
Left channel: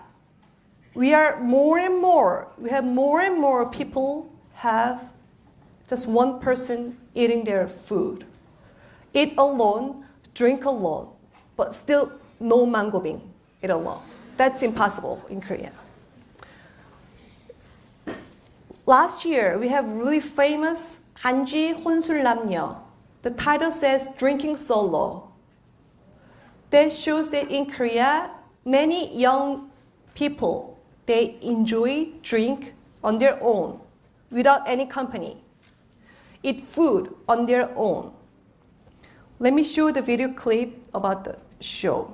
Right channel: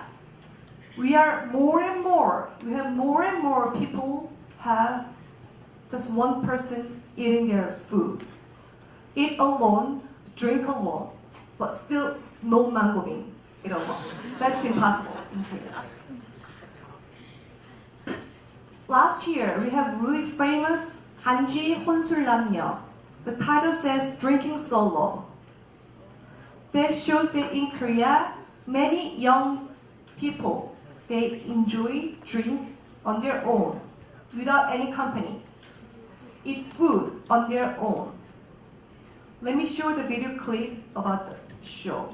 we have more and more people have just one person eating their food. Eat alone, drink alone, but still no mango bean at all. That's impossible in Korea. Last year, we have really famous 한지 혼술남녀. The title says Drinking Solo. That shows that in Korea, many young people, they enjoy drink on their own, without any company. Eat food on their own. Let me show the video clip about the show.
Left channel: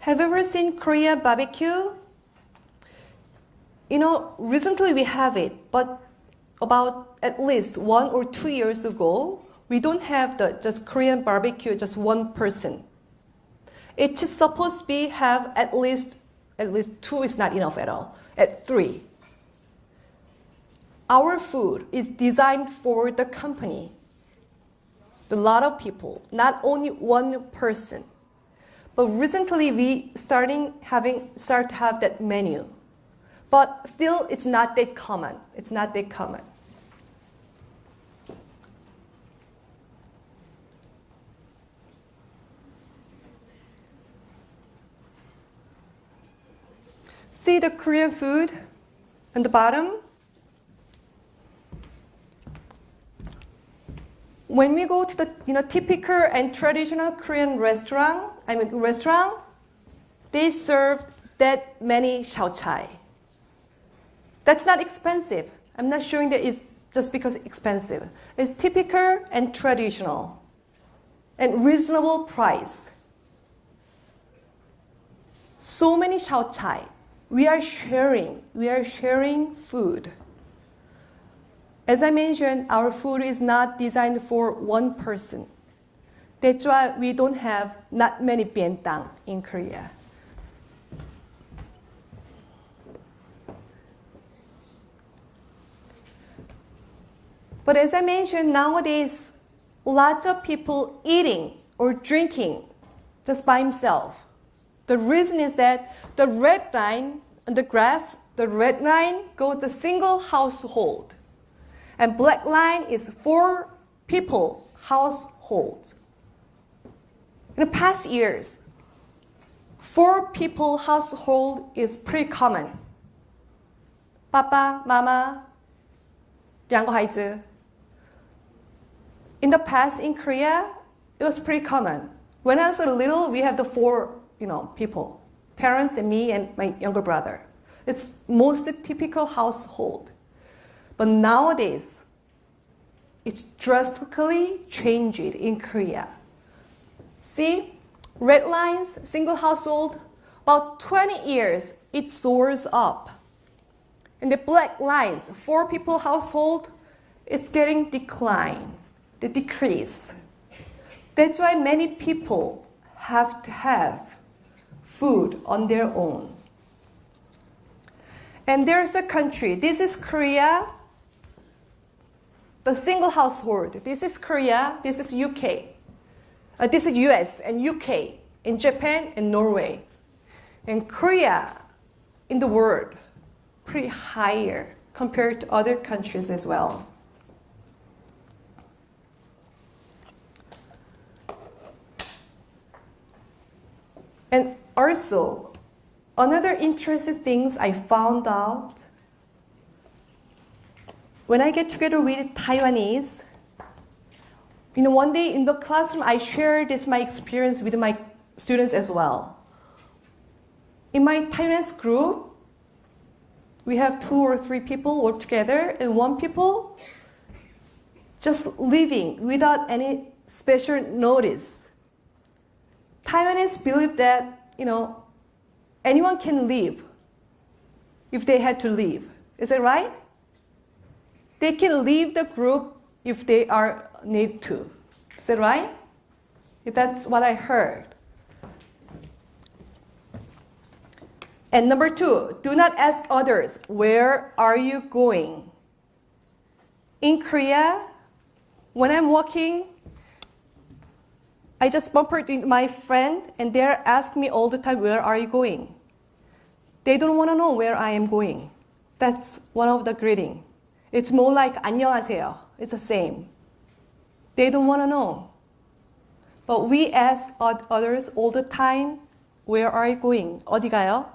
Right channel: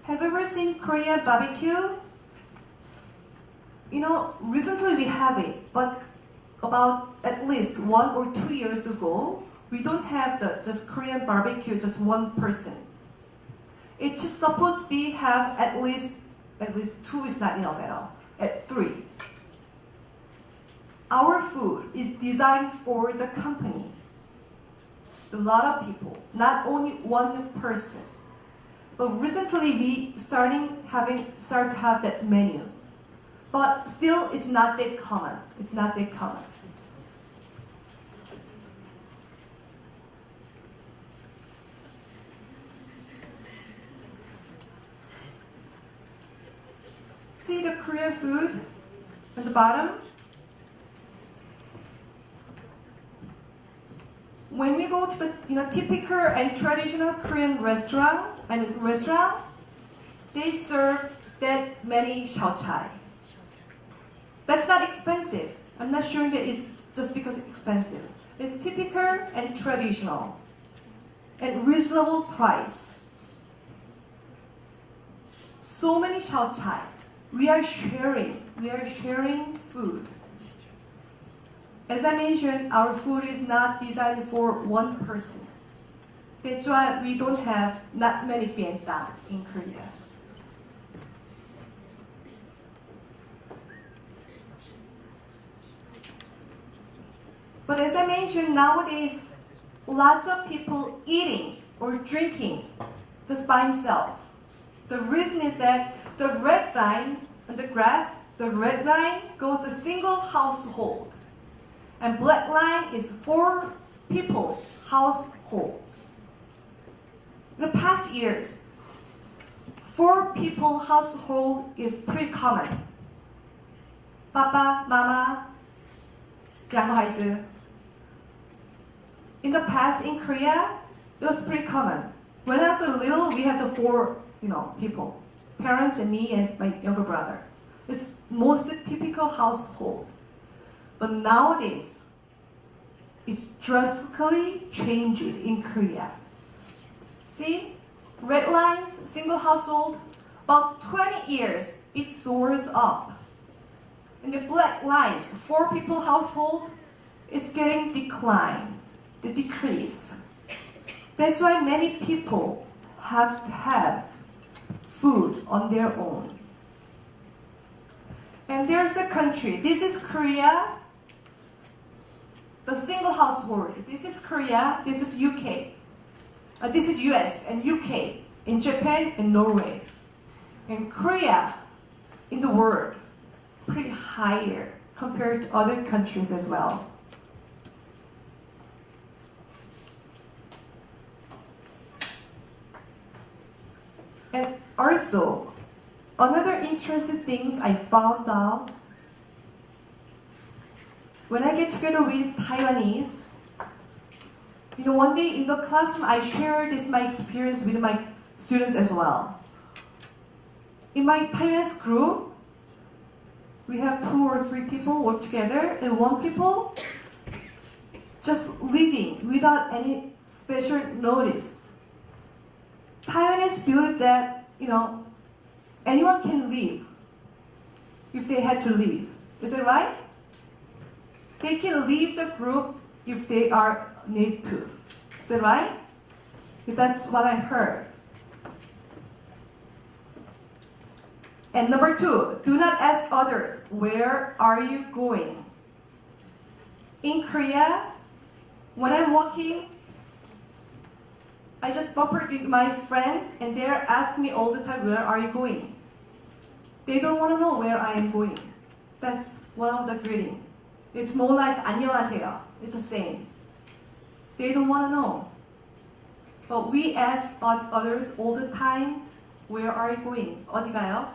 Have you ever seen Korean barbecue? Recently we have it, but about at least 1 or 2 years ago, we don't have the just Korean barbecue, just one person. It's supposed to be have at least 2 is not enough at all, at 3. Our food is designed for the company. A lot of people, not only one person. But recently we start to have that menu. But still it's not that common. See the Korean food on the bottom? When we go to the typical and traditional Korean restaurant, they serve that many xiaochai. That's not expensive. I'm not showing that it's just because it's expensive. It's typical and traditional and reasonable price. So many xiaochai. We are sharing food. As I mentioned, our food is not designed for one person. That's why we don't have not many bientang in Korea. But as I mentioned, nowadays, lots of people eating or drinking just by themselves. The reason is that the red line on the graph, the red line goes to single household. And black line is 4 people households. In the past years, 4 people household is pretty common. Papa, Mama, 2个孩子. In the past in Korea, it was pretty common. When I was little, we had the 4, people, parents and me and my younger brother. It's most typical household. But nowadays, it's drastically changed in Korea. See, red lines, single household, about 20 years, it soars up. And the black lines, 4 people household, it's getting decline, the decrease. That's why many people have to have food on their own. And there's a country, this is Korea, the single household. This is Korea, this is UK. This is US and UK, in Japan and Norway. And Korea in the world, pretty higher compared to other countries as well. And also, another interesting things I found out when I get together with Taiwanese, one day in the classroom I shared my experience with my students as well. In my Taiwanese group, we have 2 or 3 people work together, and 1 people just living without any special notice. Taiwanese believe that, anyone can leave if they had to leave. Is it right? They can leave the group if they are need to. Is it right? That's what I heard. And number 2, do not ask others, where are you going? In Korea, when I'm walking, I just bumped with my friend and they're asking me all the time, where are you going? They don't want to know where I am going. That's one of the greeting. It's more like 안녕하세요. It's the same. They don't want to know. But we ask others all the time, where are you going? 어디 가요?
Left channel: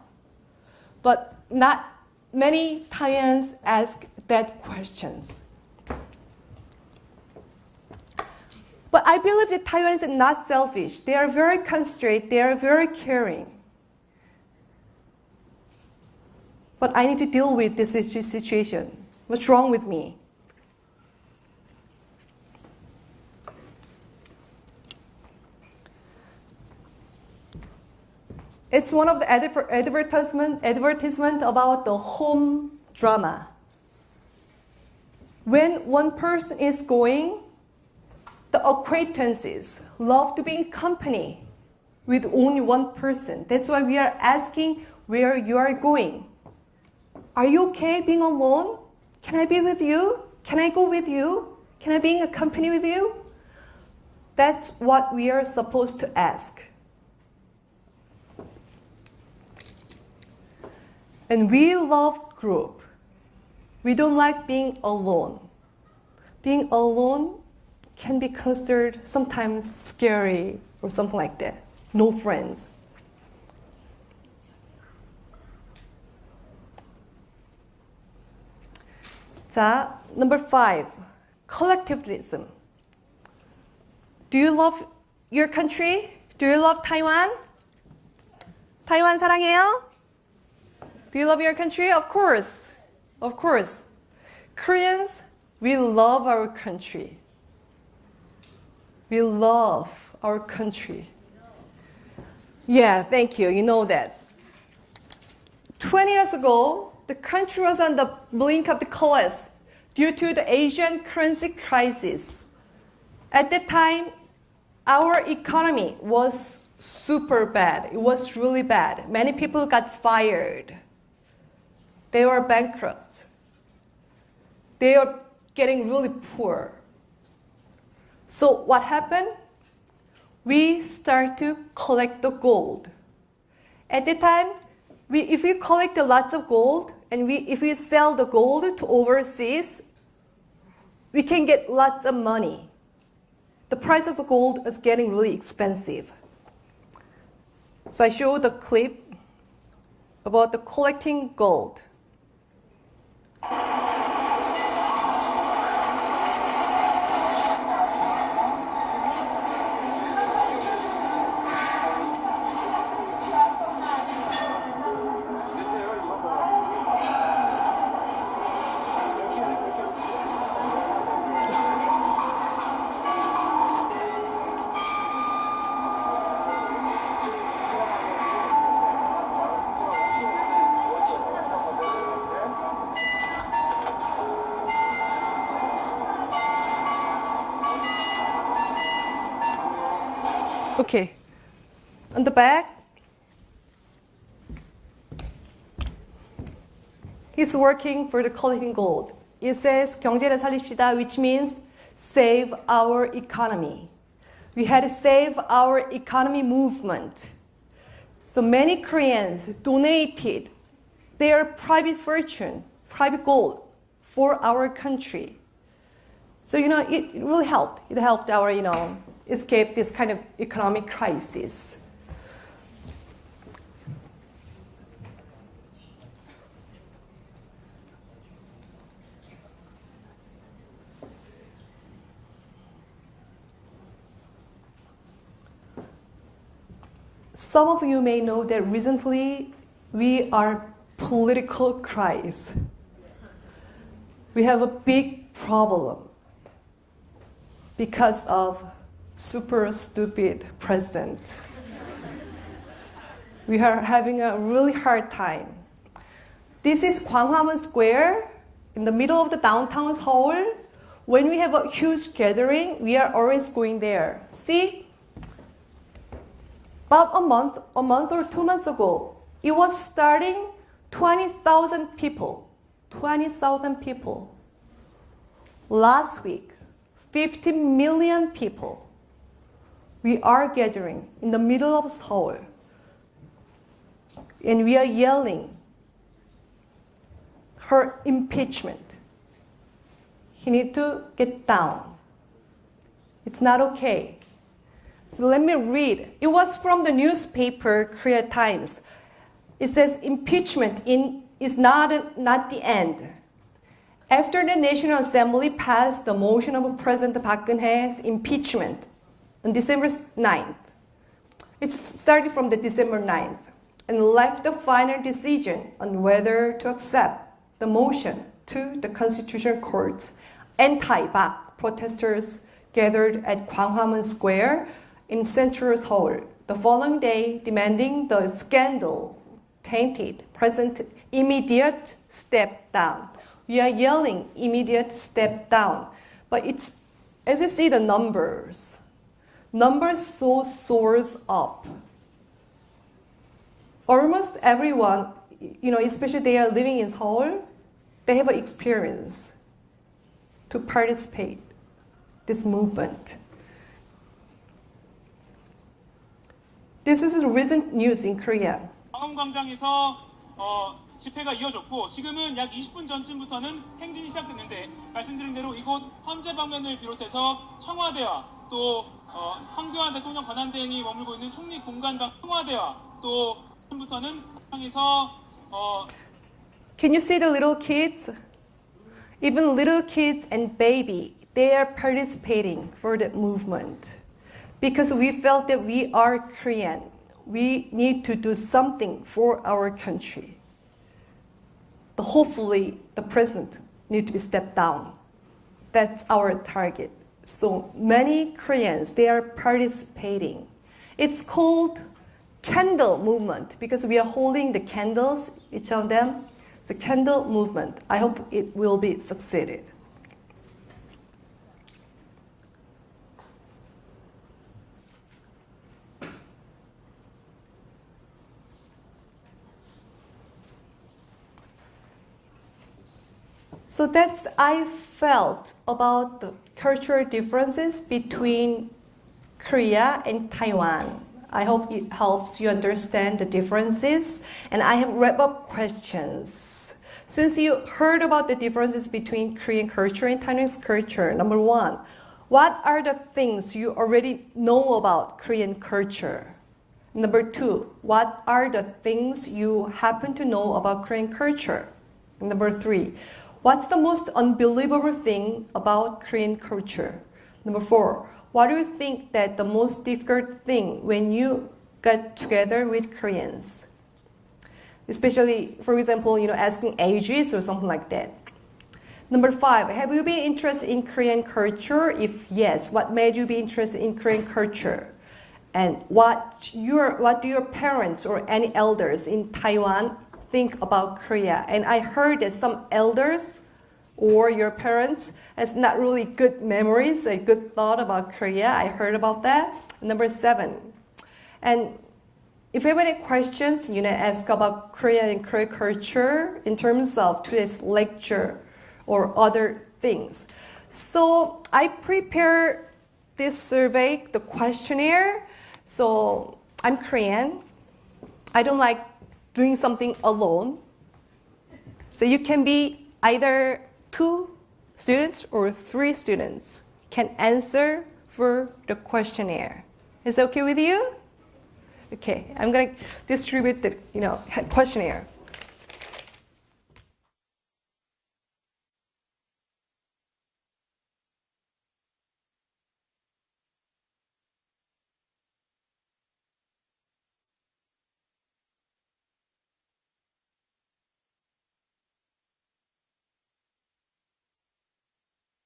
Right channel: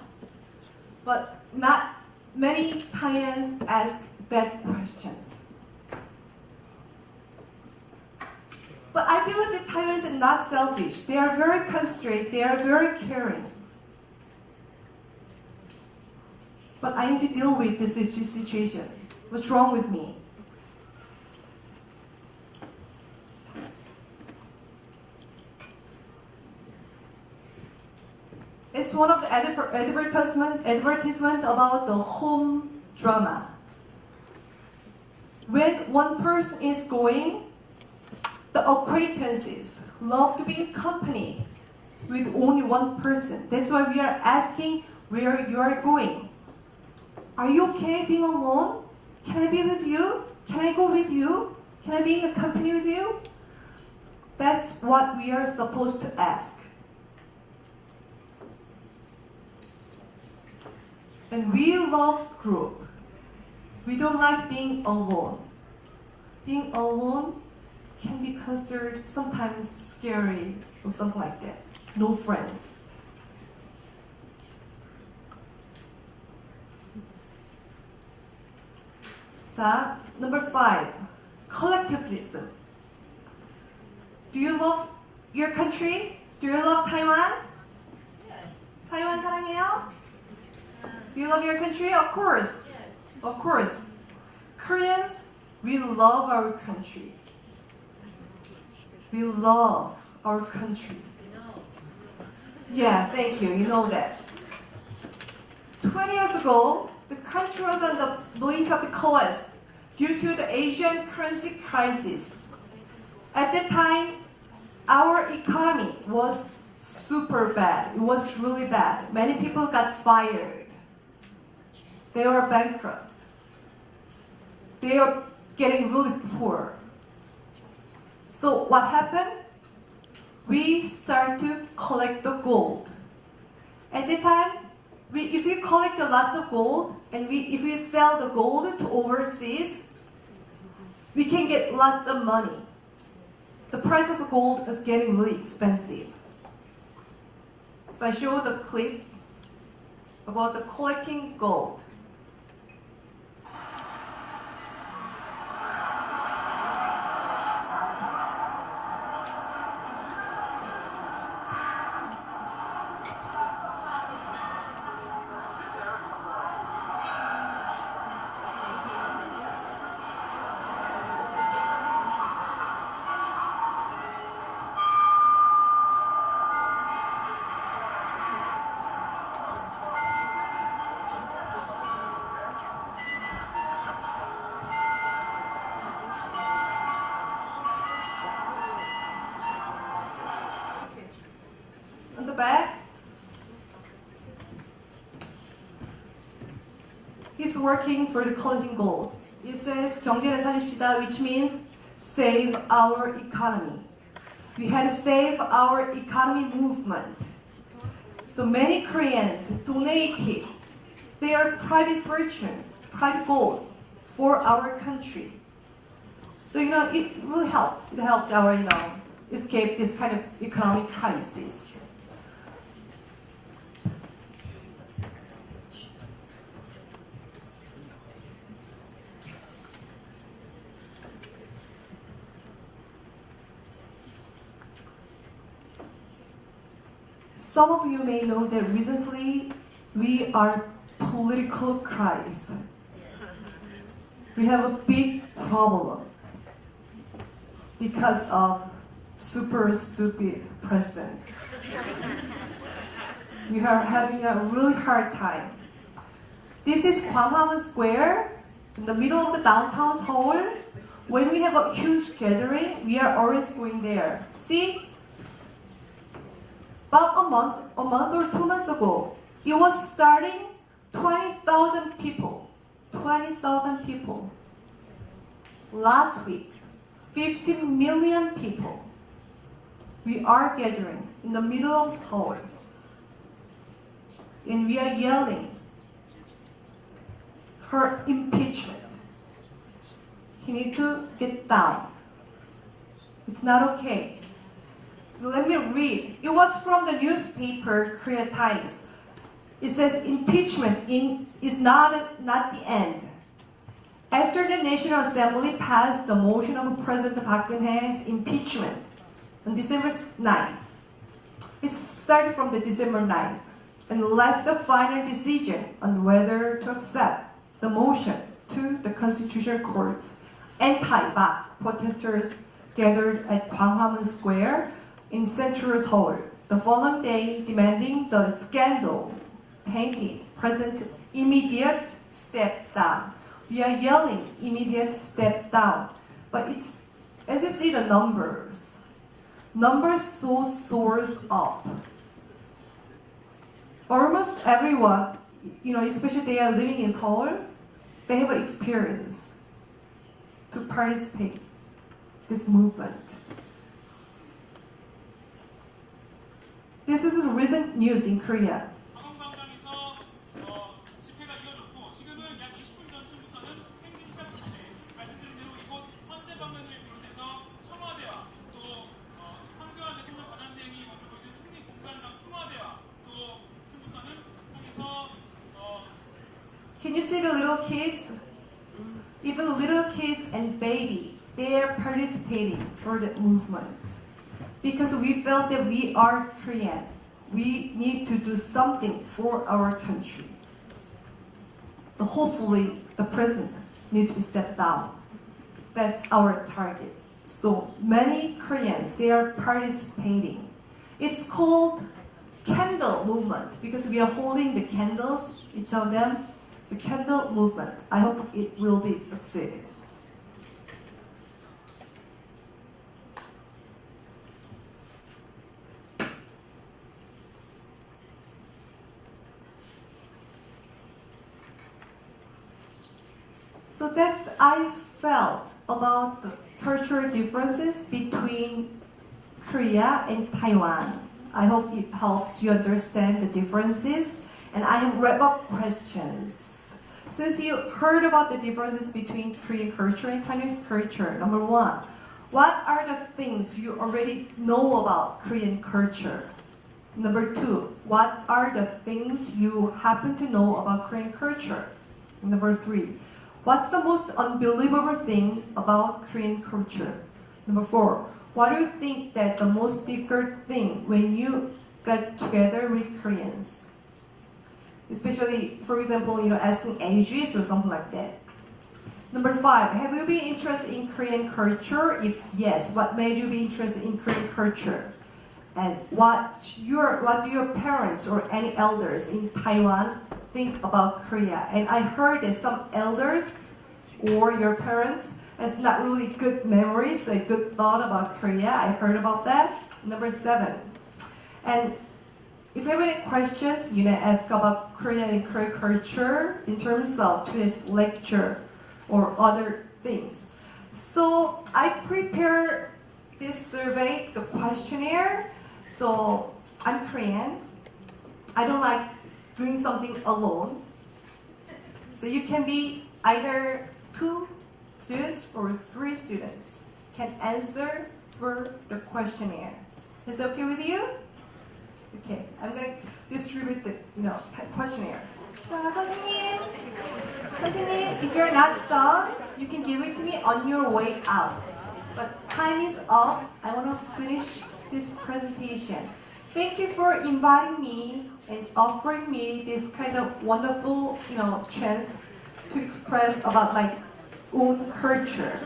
But not many Thaians ask that questions. But I believe that Taiwanese are not selfish. They are very considerate. They are very caring. But I need to deal with this situation. What's wrong with me? It's one of the advertisement about the home drama. When one person is going, the acquaintances love to be in company with only one person. That's why we are asking where you are going. Are you okay being alone? Can I be with you? Can I go with you? Can I be in a company with you? That's what we are supposed to ask. And we love group. We don't like being alone. Being alone can be considered sometimes scary or something like that. No friends. 자, number 5, collectivism. Do you love your country? Do you love Taiwan? Taiwan 사랑해요? Do you love your country? Of course. Of course. Koreans, we love our country. We love our country. Yeah, thank you. You know that. 20 years ago, the country was on the brink of the collapse due to the Asian currency crisis. At that time, our economy was super bad. It was really bad. Many people got fired. They were bankrupt. They were getting really poor. So what happened? We start to collect the gold. At the time, if we collect lots of gold and if we sell the gold to overseas, we can get lots of money. The price of gold is getting really expensive. So I showed the clip about the collecting gold. Okay. On the back, he's working for the collecting gold. It says 경제를 살립시다, which means save our economy. We had to save our economy movement. So many Koreans donated their private fortune, private gold for our country. So, it really helped. It helped our, escape this kind of economic crisis. Some of you may know that recently we are political crisis. We have a big problem because of super stupid president. We are having a really hard time. This is Gwanghwamun Square in the middle of the downtown Seoul. When we have a huge gathering, we are always going there. See? About a month or 2 months ago, it was starting 20,000 people. 20,000 people. Last week, 50 million people. We are gathering in the middle of Seoul. And we are yelling her impeachment. He needs to get down. It's not okay. So let me read. It was from the newspaper Korea Times. It says impeachment is not the end. After the National Assembly passed the motion of President Park Geun-hye's impeachment on December 9th, it started from the December 9th and left the final decision on whether to accept the motion to the Constitutional Court. Anti-Park protesters gathered at Gwanghwamun Square in central Seoul the following day, demanding the scandal tainted President immediate step down. We are yelling immediate step down, but it's, as you see the numbers so soars up. Almost everyone, especially they are living in Seoul, they have an experience to participate this movement. This is the recent news in Korea. 광화문광장에서 집회가 이어졌고 지금은 약 20분 전쯤부터는 행진이 시작됐는데 말씀드린 대로 이곳 헌재방면을 비롯해서 청와대와 또 황교안 대통령 권한대행이 머물고 있는 총리 공간당 청와대와 또 부터는 방에서 Can you see the little kids? Even little kids and baby, they are participating for the movement. Because we felt that we are Korean. We need to do something for our country. But hopefully, the president needs to step down. That's our target. So many Koreans, they are participating. It's called candle movement because we are holding the candles, each of them. It's a candle movement. I hope it will be succeeded. So that's I felt about the cultural differences between Korea and Taiwan. I hope it helps you understand the differences. And I have wrap-up questions. Since you heard about the differences between Korean culture and Taiwanese culture, number one, what are the things you already know about Korean culture? Number two, what are the things you happen to know about Korean culture? Number three, what's the most unbelievable thing about Korean culture? Number four, what do you think that the most difficult thing when you get together with Koreans? Especially, for example, asking ages or something like that. Number five, have you been interested in Korean culture? If yes, what made you be interested in Korean culture? And what do your parents or any elders in Taiwan think about Korea? And I heard that some elders or your parents has not really good memories, a good thought about Korea. I heard about that. Number seven, And if you have any questions, ask about Korean and Korean culture in terms of today's lecture or other things. So I prepared this survey, the questionnaire. So I'm Korean. I don't like doing something alone. So you can be either 2 students or 3 students can answer for the questionnaire. Is that okay with you? Okay, I'm gonna distribute the questionnaire. 자, 선생님, if you're not done, you can give it to me on your way out. But time is up. I want to finish this presentation. Thank you for inviting me and offering me this kind of wonderful, chance to express about my own culture,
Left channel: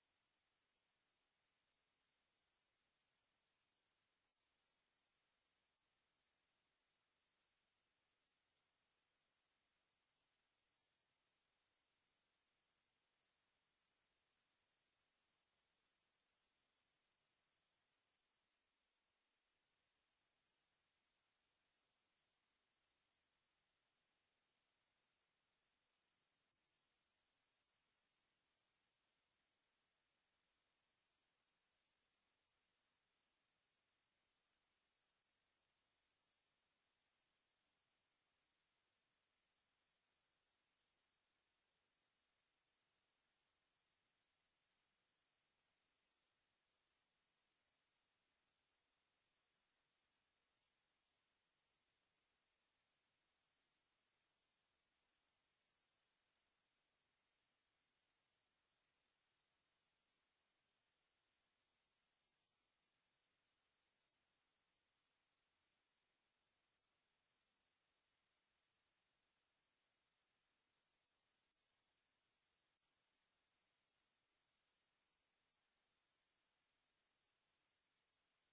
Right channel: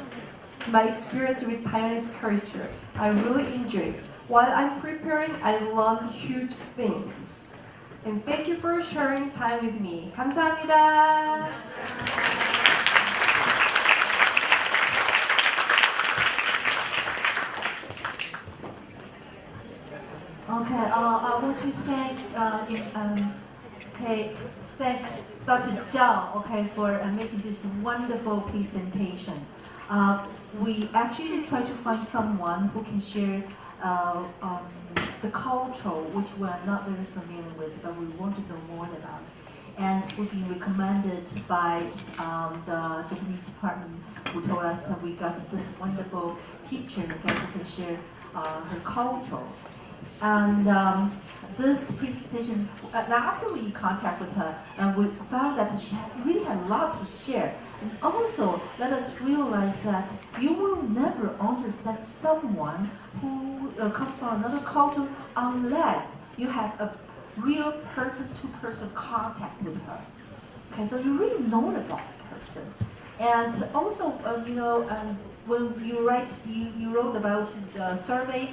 my experience with Taiwanese culture. I really enjoyed it. While I'm preparing, I learned huge things. And thank you for sharing time with me. 감사합니다. Okay, I want to thank Dr. Zhao, for making this wonderful presentation. We actually try to find someone who can share the culture which we are not very familiar with, but we want to know more about. And we've been recommended by the Japanese department who told us that we got this wonderful teacher who can share her culture. And this presentation, after we contact with her, we found that she really had a lot to share. And also, let us realize that you will never understand someone who comes from another culture unless you have a real person-to-person contact with her. Okay, so you really know about the person. And also, when you wrote about the survey,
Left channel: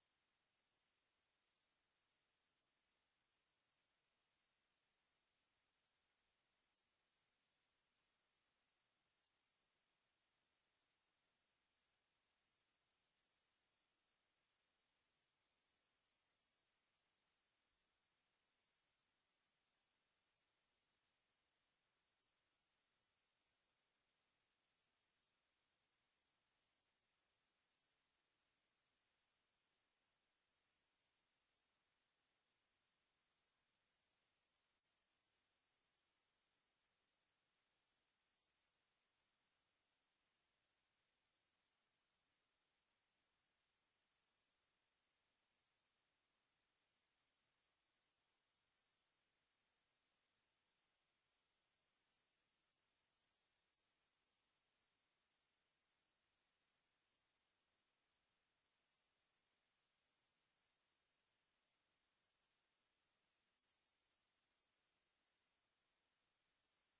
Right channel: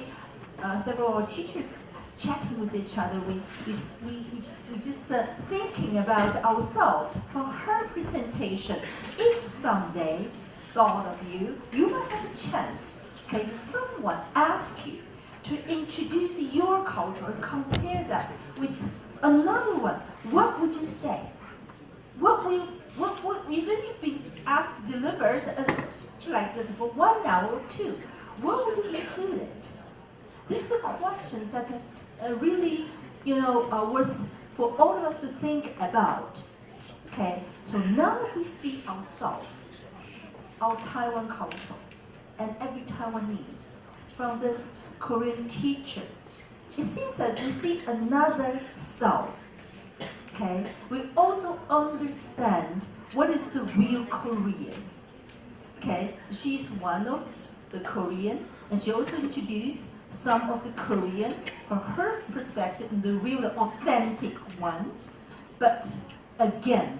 several teachers chatting with each other, we just thinking about ourselves from her presentation. If someday, thought of you might have a chance, if someone asks you to introduce your culture and compare that with another one, what would you say? If you've been asked to deliver a speech like this for 1 hour or 2, what would you include it? These are questions that really, are worth for all of us to think about. Okay, so now we see ourselves, our Taiwan culture, and every Taiwanese from this Korean teacher. It seems that we see another self. Okay, we also understand what is the real Korean. Okay, she's one of the Korean, and she also introduced some of the Korean from her perspective, the real, the authentic one. But again,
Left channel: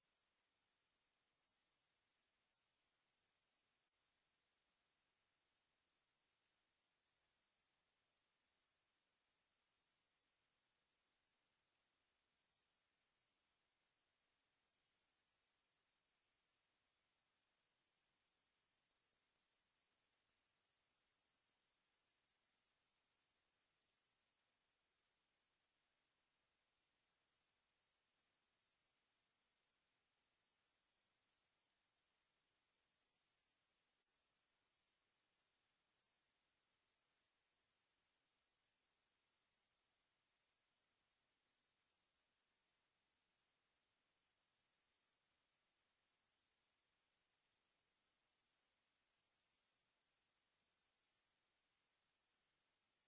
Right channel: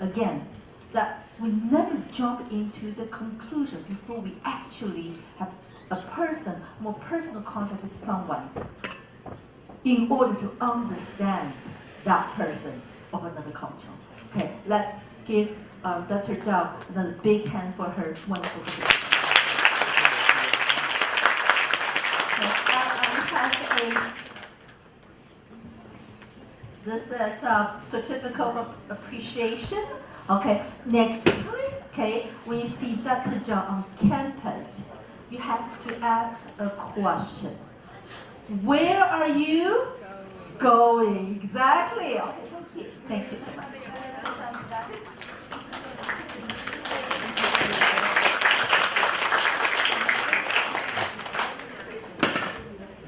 that we never jump into the conclusion before we actually have a person, more personal contact with someone in order to understand that person of another culture. Okay, let's give Dr. Zhao another big hand for her wonderful presentation. This is a certificate of appreciation. Okay, next time, when you see Dr. Zhao on campus, you have to ask a question. Where are you going? Exactly. Okay, thank you. Thank you so much.